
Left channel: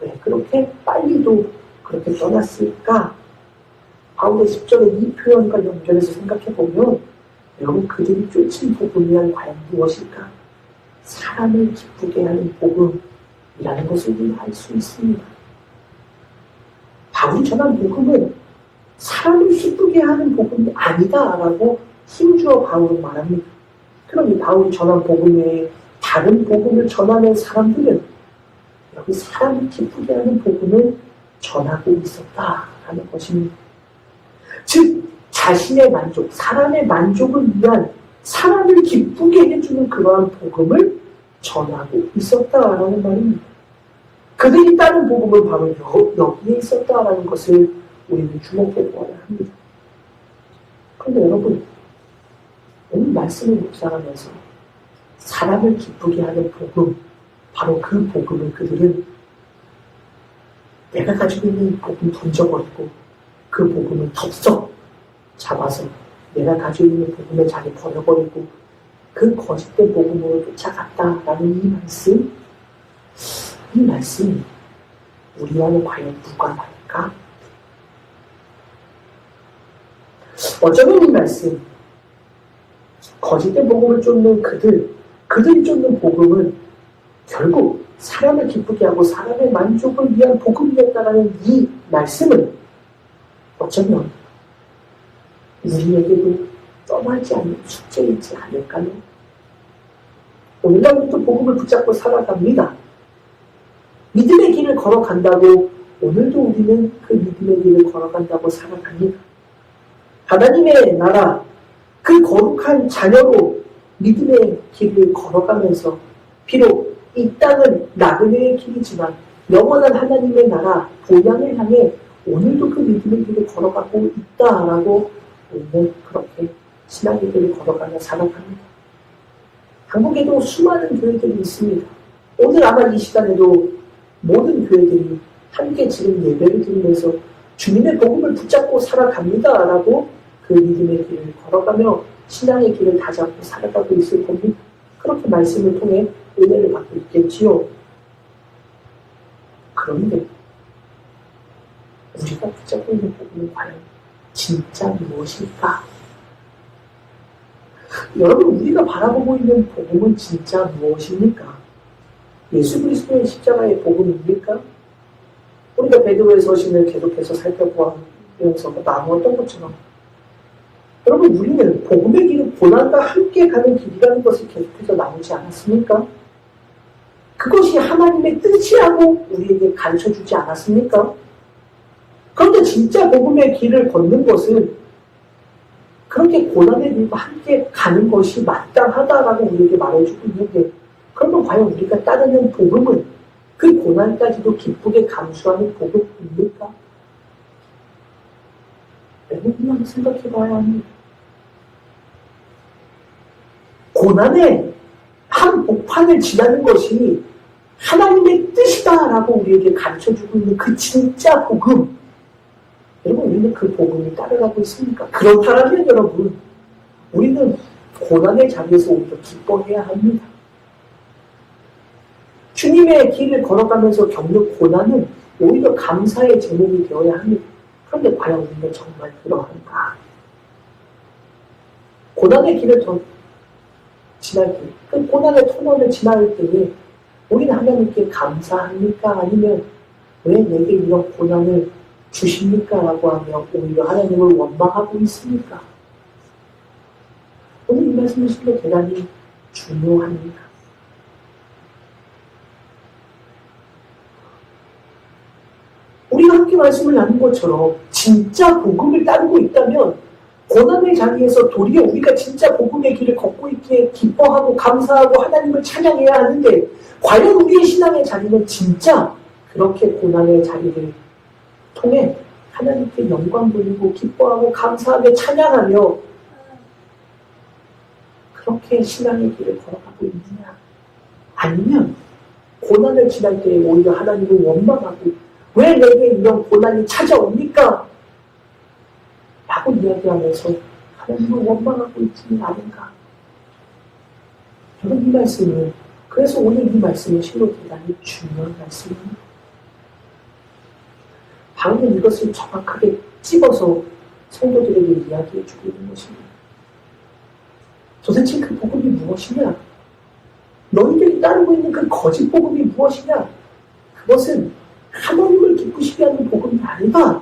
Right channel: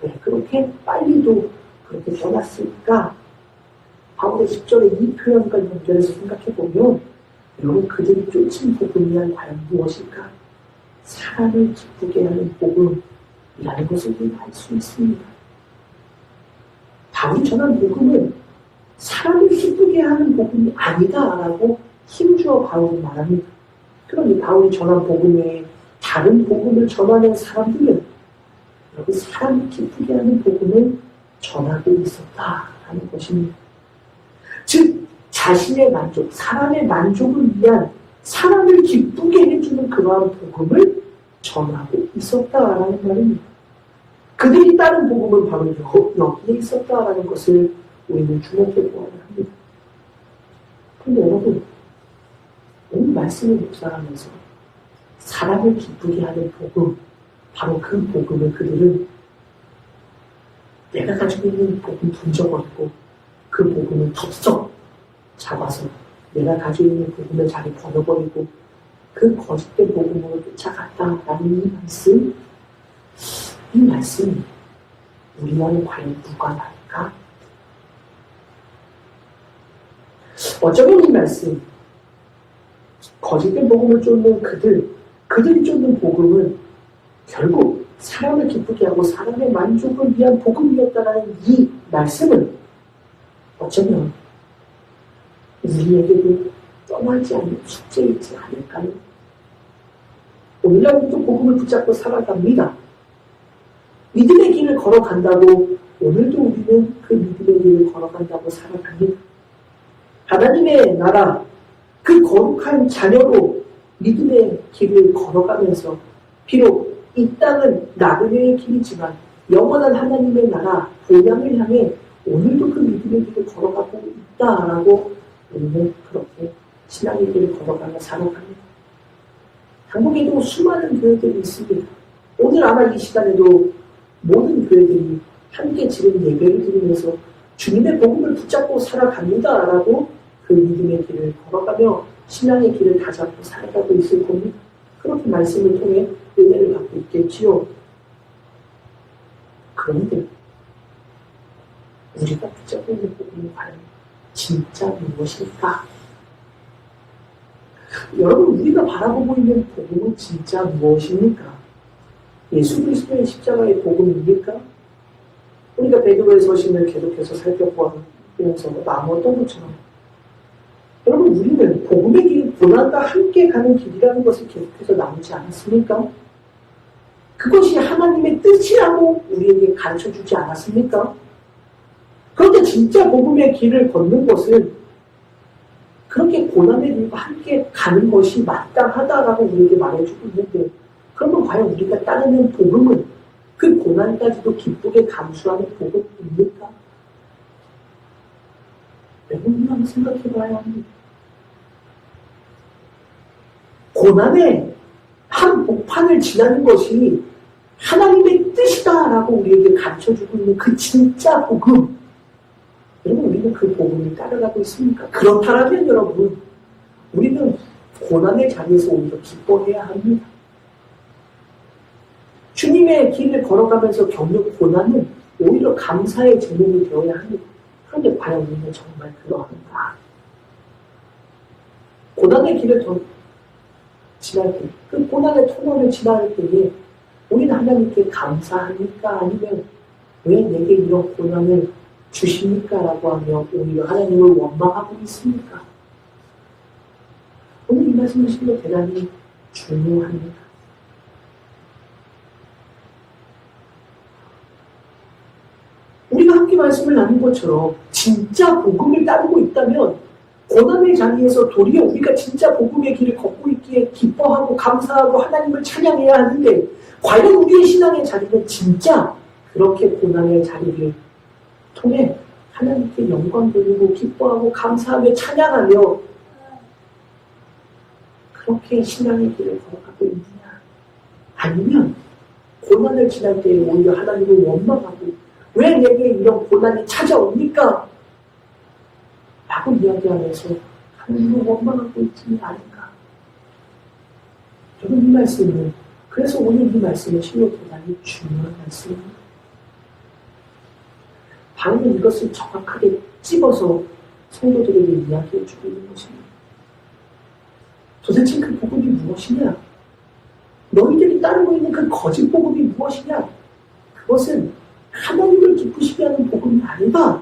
왜 그렇게 빨리도 그렇게 떠났을까? 바울의 10절의 이 표현과 연결해서 생각해보면 여러분 그들이 쫓은 복음이란 과연 무엇일까? 사람을 기쁘게 하는 복음이라는 것을 우리가 알 수 있습니다. 바울이 전한 복음은 사람을 기쁘게 하는 복음이 아니다라고 힘주어 바울은 말합니다. 그런데 바울이 전한 복음 외에 다른 복음을 전하는 사람들은 여기 사람을 기쁘게 하는 복음을 전하고 있었다라는 것입니다. 즉 자신의 만족, 사람의 만족을 위한 사람을 기쁘게 해주는 그러한 복음을 전하고 있었다라는 말입니다. 그들이 따른 복음은 바로 여기에 있었다라는 것을 우리는 주목해 보아야 합니다. 그런데 여러분, 오늘 말씀을 묵상하면서 사람을 기쁘게 하는 복음, 바로 그 복음을 그들은 내가 가지고 있는 복음 던져버리고 그 복음을 덥석 잡아서 내가 가지고 있는 복음을 자리 버려버리고 그 거짓된 복음으로 쫓아갔다라는 이 말씀이 우리와는 과연 무관할까? 어쩌면 이 말씀, 거짓된 복음을 쫓는 그들이 쫓는 복음은 결국 사람을 기쁘게 하고 사람의 만족을 위한 복음이었다라는 이 말씀은 어쩌면 우리에게도 떠나지 않는 숙제이지 않을까요? 오늘날 우리도 복음을 붙잡고 살아갑니다. 믿음의 길을 걸어간다고 오늘도 우리는 그 믿음의 길을 걸어간다고 살아갑니다. 하나님의 나라, 그 거룩한 자녀로 믿음의 길을 걸어가면서 비록 이 땅은 나그네의 길이지만 영원한 하나님의 나라, 본향을 향해 오늘도 그 믿음의 길을 걸어가고 있다라고 우리는 그렇게 신앙의 길을 걸어가며 살아갑니다. 한국에도 수많은 교회들이 있습니다. 오늘 아마 이 시간에도 모든 교회들이 함께 지금 예배를 드리면서 주님의 복음을 붙잡고 살아갑니다라고 그 믿음의 길을 걸어가며 신앙의 길을 다잡고 살아가고 있을 겁니다. 그렇게 말씀을 통해 은혜를 받고 있겠지요. 그런데 우리가 붙잡고 있는 복음은 과연 진짜 무엇일까? 여러분, 우리가 바라보고 있는 복음은 진짜 무엇입니까? 예수 그리스도의 십자가의 복음입니까? 우리가 베드로의 서신을 계속해서 살펴보면서 나누었던 것처럼 여러분, 우리는 복음의 길은 고난과 함께 가는 길이라는 것을 계속해서 나누지 않았습니까? 그것이 하나님의 뜻이라고 우리에게 가르쳐주지 않았습니까? 그런데 진짜 복음의 길을 걷는 것은 그렇게 고난의 길과 함께 가는 것이 마땅하다라고 우리에게 말해주고 있는데, 그러면 과연 우리가 따르는 복음은 그 고난까지도 기쁘게 감수하는 복음입니까? 여러분이 한번 생각해봐야 합니다. 고난의 한 복판을 지나는 것이 하나님의 뜻이다라고 우리에게 가르쳐주고 있는 그 진짜 복음, 여러분, 우리는 그 복음을 따라가고 있습니까? 그렇다면 여러분, 우리는 고난의 자리에서 오히려 기뻐해야 합니다. 주님의 길을 걸어가면서 겪는 고난은 오히려 감사의 제목이 되어야 합니다. 그런데 과연 우리는 정말 그러한가? 고난의 길을 더 지날 때, 그 고난의 터널을 지날 때에 우리는 하나님께 감사합니까? 아니면 왜 내게 이런 고난을 주십니까? 라고 하며 오히려 하나님을 원망하고 있습니까? 오늘 이 말씀을 실로 대단히 중요합니다. 우리가 함께 말씀을 나눈 것처럼 진짜 복음을 따르고 있다면 고난의 자리에서 도리어 우리가 진짜 복음의 길을 걷고 있기에 기뻐하고 감사하고 하나님을 찬양해야 하는데, 과연 우리의 신앙의 자리는 진짜 그렇게 고난의 자리를 통해 하나님께 영광 돌리고 기뻐하고 감사하며 찬양하며 그렇게 신앙의 길을 걸어가고 있느냐? 아니면 고난을 지날 때 오히려 하나님을 원망하고 왜 내게 이런 고난이 찾아옵니까? 라고 이야기하면서 하나님을 원망하고 있지는 않은가? 여러분, 이 말씀은, 그래서 오늘 이 말씀은 실로 대단히 중요한 말씀입니다. 바로는 이것을 정확하게 찝어서 성도들에게 이야기해 주고 있는 것입니다. 도대체 그 복음이 무엇이냐? 너희들이 따르고 있는 그 거짓 복음이 무엇이냐? 그것은 하나님을 기쁘시게 하는 복음이 아니다.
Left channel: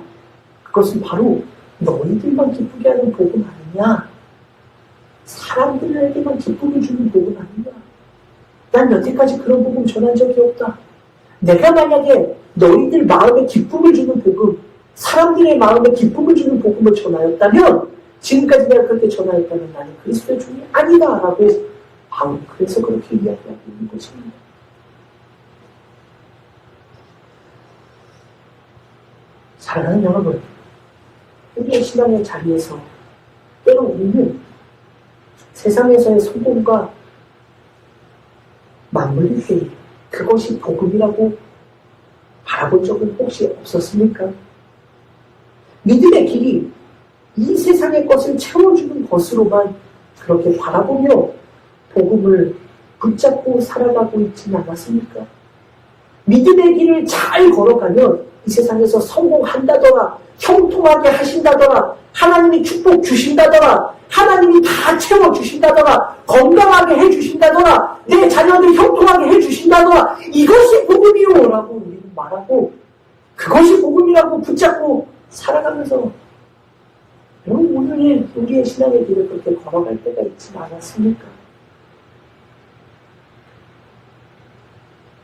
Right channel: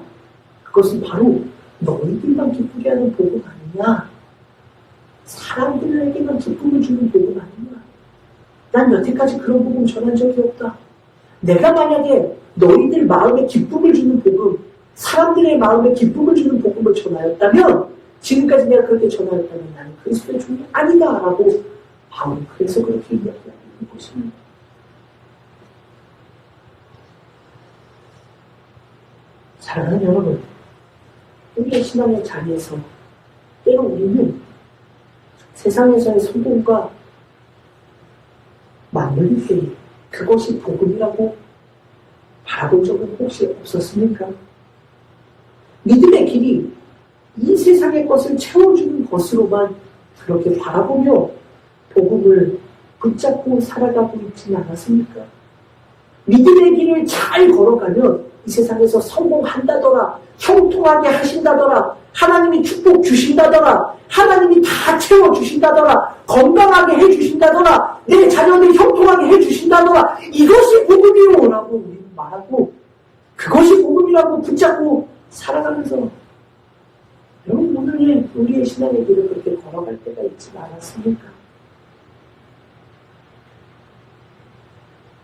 그것은 바로 너희들만 기쁘게 하는 복음 아니냐? 사람들에게만 기쁨을 주는 복음 아니냐? 난 여태까지 그런 복음 전한 적이 없다. 내가 만약에 너희들 마음에 기쁨을 주는 복음, 사람들의 마음에 기쁨을 주는 복음을 전하였다면, 지금까지 내가 그렇게 전하였다면 나는 그리스도의 종이 아니다 라고 바울은 그래서 그렇게 이야기하고 있는 것입니다. 사랑하는 여러분, 우리의 신앙의 자리에서 때로 우리는 세상에서의 성공과 맞물릴 때 그것이 복음이라고 바라본 적은 혹시 없었습니까? 믿음의 길이 이 세상의 것을 채워주는 것으로만 그렇게 바라보며 복음을 붙잡고 살아가고 있지는 않았습니까? 믿음의 길을 잘 걸어가면 이 세상에서 성공한다더라, 형통하게 하신다더라, 하나님이 축복 주신다더라, 하나님이 다 채워주신다더라, 건강하게 해주신다더라, 내 자녀들 형통하게 해주신다더라, 이것이 복음이요 라고 우리는 말하고 그것이 복음이라고 붙잡고 살아가면서 여러분 오늘 우리의 신앙의 길을 그렇게 걸어갈 때가 있지 않았습니까?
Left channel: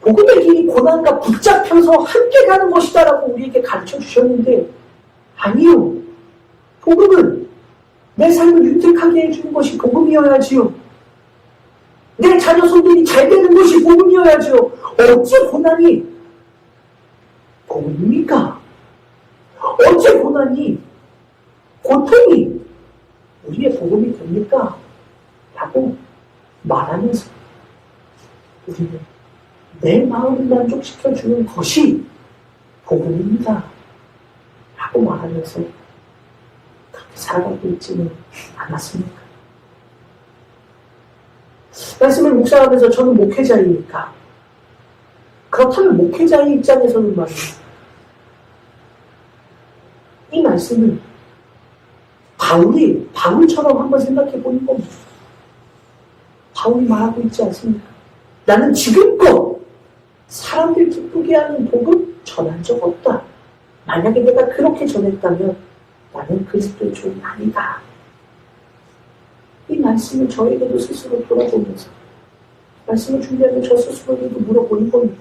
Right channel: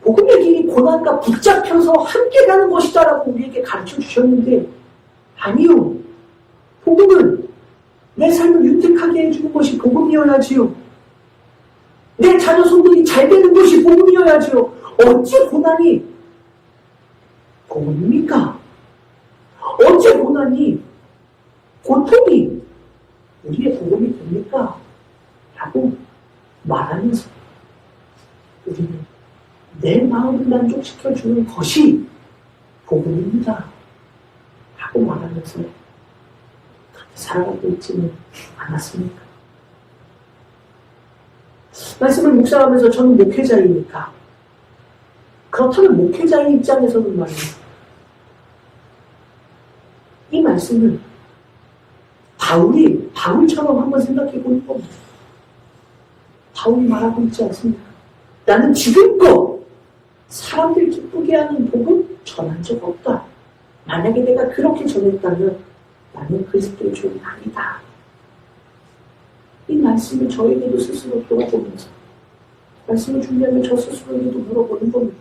복음의 길이 고난과 붙잡혀서 함께 가는 것이다라고 우리에게 가르쳐 주셨는데 아니요. 복음은 내 삶을 윤택하게 해주는 것이 복음이어야지요. 내 자녀 손들이 잘 되는 것이 복음이어야지요. 어찌 고난이 복음입니까? 어찌 고난이 고통이 우리의 복음이 됩니까? 라고 말하면서 우리는 내 마음을 만족시켜주는 것이 복음입니다. 라고 말하면서 그렇게 살아가고 있지는 않았습니까? 말씀을 묵상하면서 저는 목회자이니까 그렇다면 목회자의 입장에서는 말이에요. 이 말씀을 바울처럼 한번 생각해 보는 겁니다. 바울이 말하고 있지 않습니까? 나는 지금껏 사람들 기쁘게 하는 복음 전한 적 없다. 만약에 내가 그렇게 전했다면 나는 그리스도의 종이 아니다. 이 말씀을 저에게도 스스로 물어보면서 말씀을 준비하면 저 스스로에게도 물어보는 겁니다.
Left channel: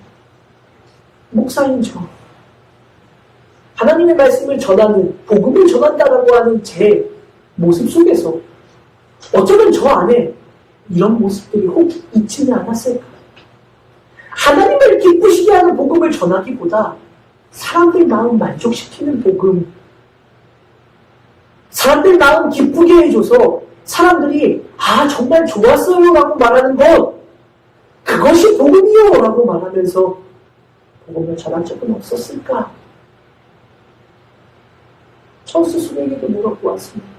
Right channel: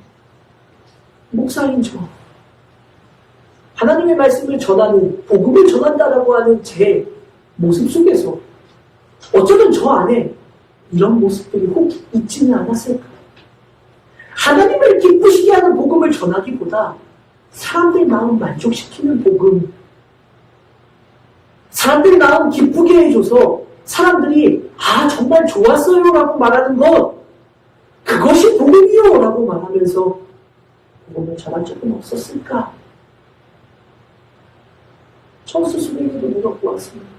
목사인 저 하나님의 말씀을 전하는 복음을 전한다라고 하는 제 모습 속에서 어쩌면 저 안에 이런 모습들이 혹 있지는 않았을까? 하나님을 기쁘시게 하는 복음을 전하기보다 사람들 마음 만족시키는 복음, 사람들 마음 기쁘게 해줘서 사람들이 정말 좋았어요 라고 말하는 것, 그것이 복음이요 라고 말하면서 복음을 전한 적은 없었을까? 저 스스로에게도 물어보았습니다.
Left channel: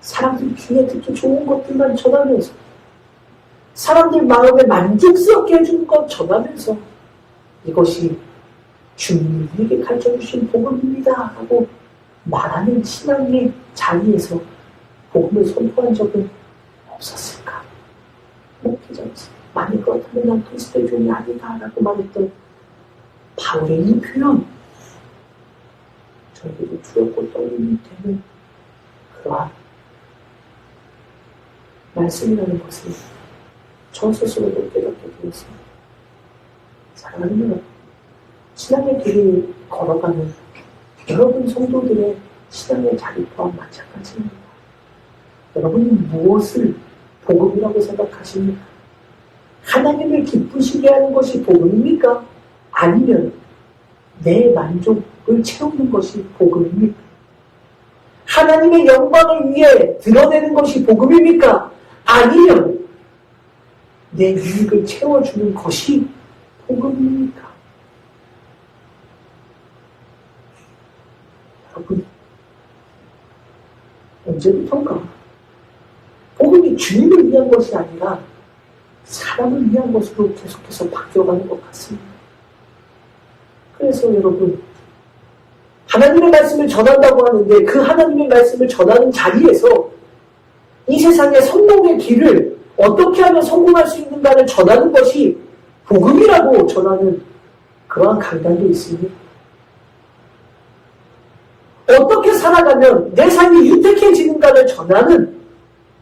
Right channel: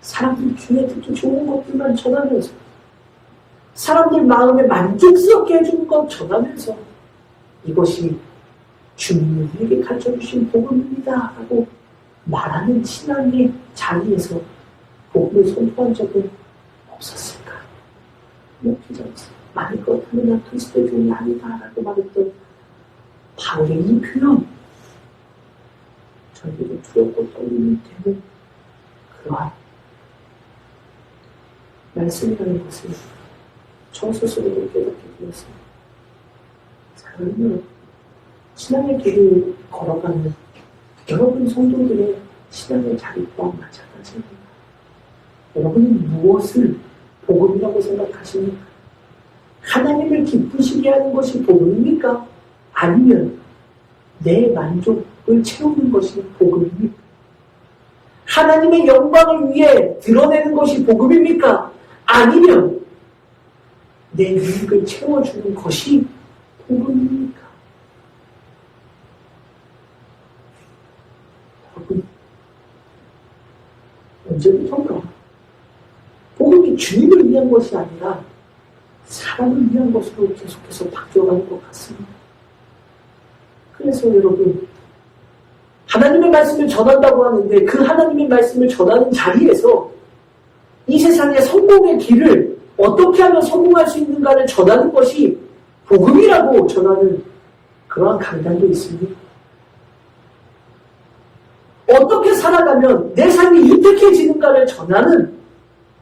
사람들 귀에 듣기 좋은 것들만 전하면서 사람들 마음을 만족스럽게 해주는 것 전하면서 이것이 주님이 우리에게 가르쳐주신 복음입니다 하고 말하는 신앙의 자리에서 복음을 선포한 적은 없었을까? 목회자로서 만약 그렇다면 난 그리스도의 종이 아니다 라고 말했던 바울의 이 표현, 저희들이 두렵고 떨림이 되는 그러한 말씀이라는 것을 저 스스로도 깨닫게 되었습니다. 사랑하는 여러분, 신앙의 길을 걸어가는 여러분 성도들의 신앙의 자리 또한 마찬가지입니다. 여러분은 무엇을 복음이라고 생각하십니까? 하나님을 기쁘시게 하는 것이 복음입니까? 아니면 내 만족을 채우는 것이 복음입니까? 하나님의 영광을 위해 드러내는 것이 복음입니까? 아니면 내 유익을 채워주는 것이 복음입니까? 여러분, 언제부턴가 복음이 주님을 위한 것이 아니라 사람을 위한 것으로 계속해서 바뀌어가는 것 같습니다. 그래서 여러분, 하나님의 말씀을 전한다고 하는데 그 하나님의 말씀을 전하는 자리에서 이 세상의 성공의 길을 어떻게 하면 성공할 수 있는가를 전하는 것이 복음이라고 전하는 그러한 강단도 있습니다. 어떻게 살아가면 내 삶이 윤택해지는가를 전하는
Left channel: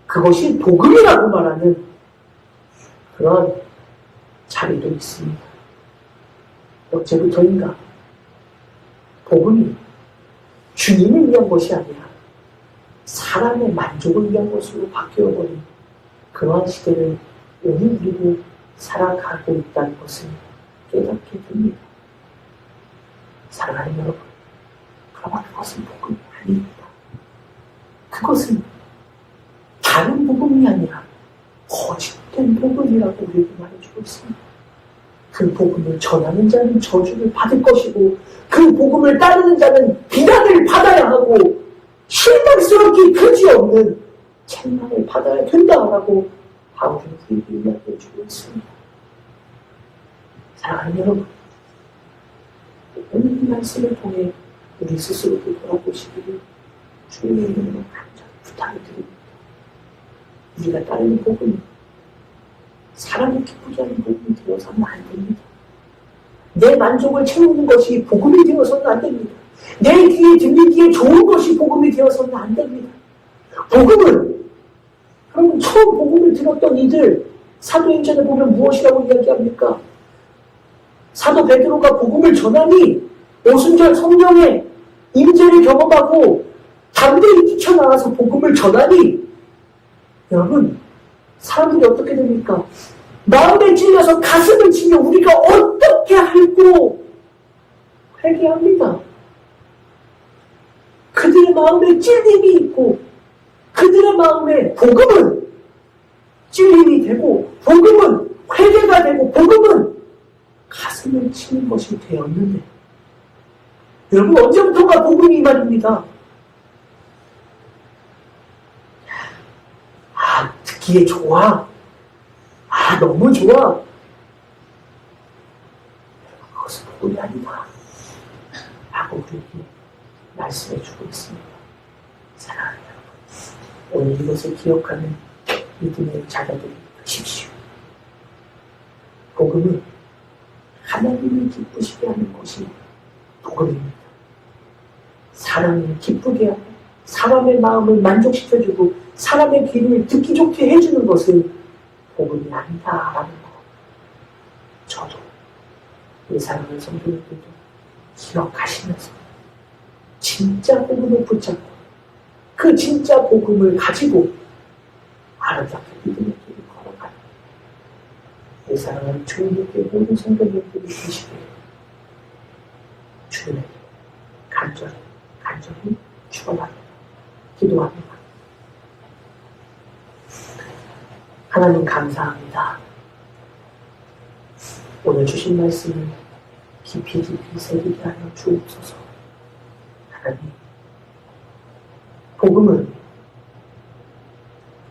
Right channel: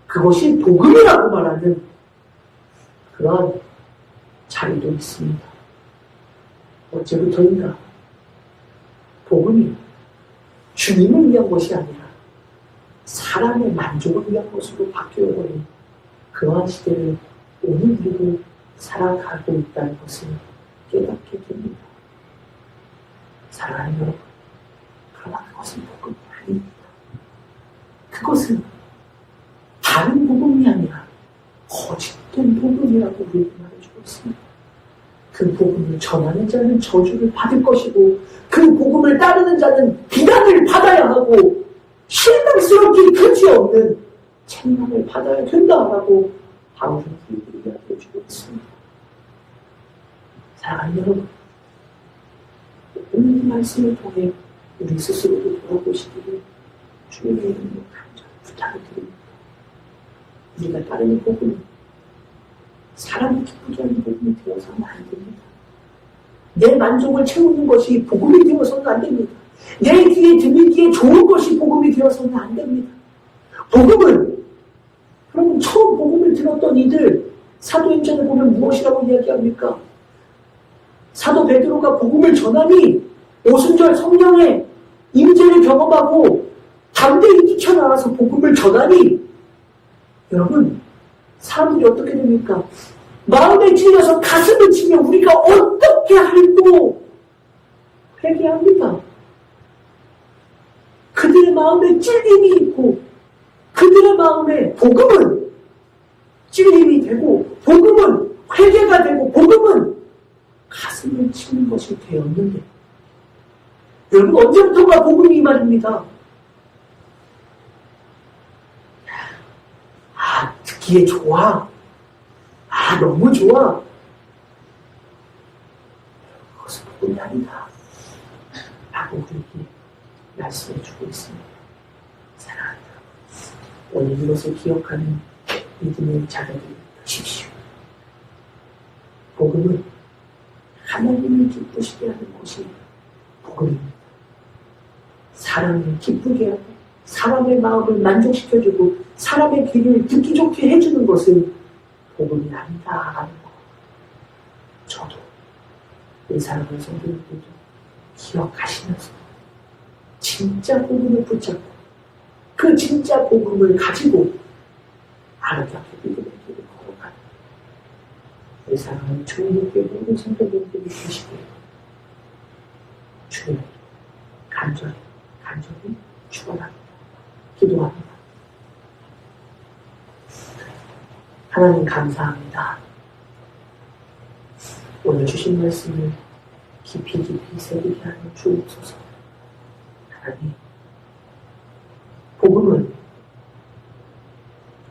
그것이 복음이라고 말하는 그러한 자리도 있습니다. 어째부터인가? 복음이 주님을 위한 것이 아니라 사람의 만족을 위한 것으로 바뀌어버린 그러한 시대를 오늘 우리도 살아가고 있다는 것을 깨닫게 됩니다. 사랑하는 여러분, 그러나 그것은 복음이 아닙니다. 그것은 다른 복음이 아니라 거짓된 복음이라고 우리에게 말해주고 있습니다. 그 복음을 전하는 자는 저주를 받을 것이고 그 복음을 따르는 자는 비난을 받아야 하고 실망스럽기 그지없는 책망을 받아야 된다라고 바울은 이야기해주고 있습니다. 사랑하는 여러분, 오늘 이 말씀을 통해 우리 스스로도 돌아보시기를 주님의 이름으로 간절히 부탁을 드립니다. 우리가 따르는 복음이 사람을 기쁘게 하는 복음이 되어서는 안 됩니다. 내 만족을 채우는 것이 복음이 되어서는 안 됩니다. 내 귀에 들리기에 좋은 것이 복음이 되어서는 안 됩니다. 복음은, 여러분 처음 복음을 들었던 이들 사도행전을 보면 무엇이라고 이야기합니까? 사도 베드로가 복음을 전하니 오순절 성령의 임재를 경험하고 담대히 뛰쳐나가서 복음을 전하니 여러분 사람들이 어떻게 됩니까? 마음에 찔려서 가슴을 치며 우리가 어떻게 할고 회개합니다. 그들의 마음에 찔림이 있고 그들의 마음에 복음은 찔림이 되고 복음은 회개가 되고 복음은 가슴을 치는 것이 되었는데 여러분 언제부터가 복음이 말입니다. 듣기에 좋아. 너무 좋아. 그것은 복음이 아니다. 라고 우리에게 말씀해 주고 있습니다. 사랑하는 여러분, 오늘 이것을 기억하는 믿음의 자녀들이 되십시오. 복음은 하나님을 기쁘시게 하는 것이 복음입니다. 사람을 기쁘게 하고 사람의 마음을 만족시켜주고 사람의 귀를 듣기 좋게 해주는 것은 복음이 아니다라는 것. 저도 이 사랑하는 성도님들도 기억하시면서 진짜 복음을 붙잡고 그 진짜 복음을 가지고 아름답게 믿음의 길을 걸어가는 이 사랑하는 주님께 모든 성도님들이 되시기를 주님 간절히 축원합니다. 기도합니다. 하나님 감사합니다. 오늘 주신 말씀을 깊이 새기게 하여 주옵소서. 하나님, 복음은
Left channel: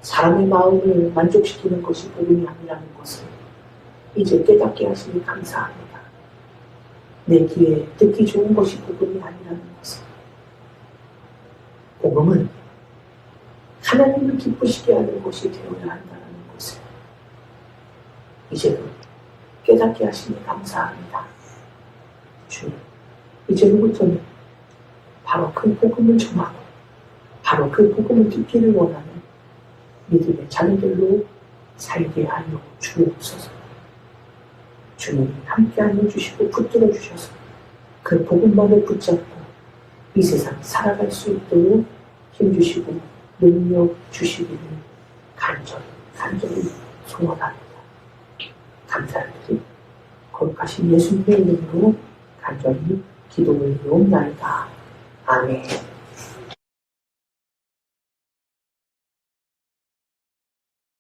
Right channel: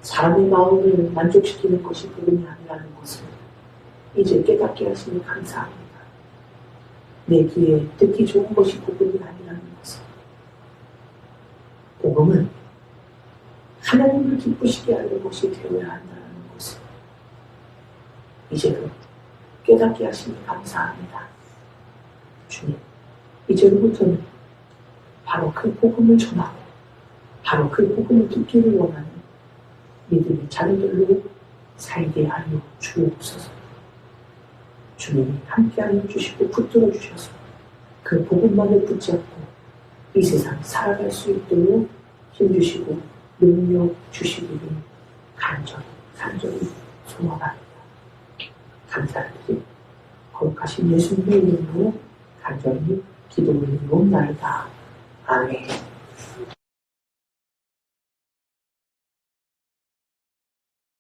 사람의 마음을 만족시키는 것이 복음이 아니라는 것을 이제 깨닫게 하시니 감사합니다. 내 귀에 듣기 좋은 것이 복음이 아니라는 것을 복음은 하나님을 기쁘시게 하는 것이 되어야 한다는 것을 이제도 깨닫게 하시니 감사합니다. 주님, 이제부터는 바로 그 복음을 전하고 바로 그 복음을 듣기를 원하는 믿음의 자녀들로 살게 하여 주옵소서. 주님이 함께하여 주시고 붙들어 주셔서 그 복음만을 붙잡고 이 세상 살아갈 수 있도록 힘주시고 능력 주시기를 간절히 소원합니다. 감사를 드리고 거룩하신 예수님의 이름으로 간절히 기도를 올리옵나이다. 아멘.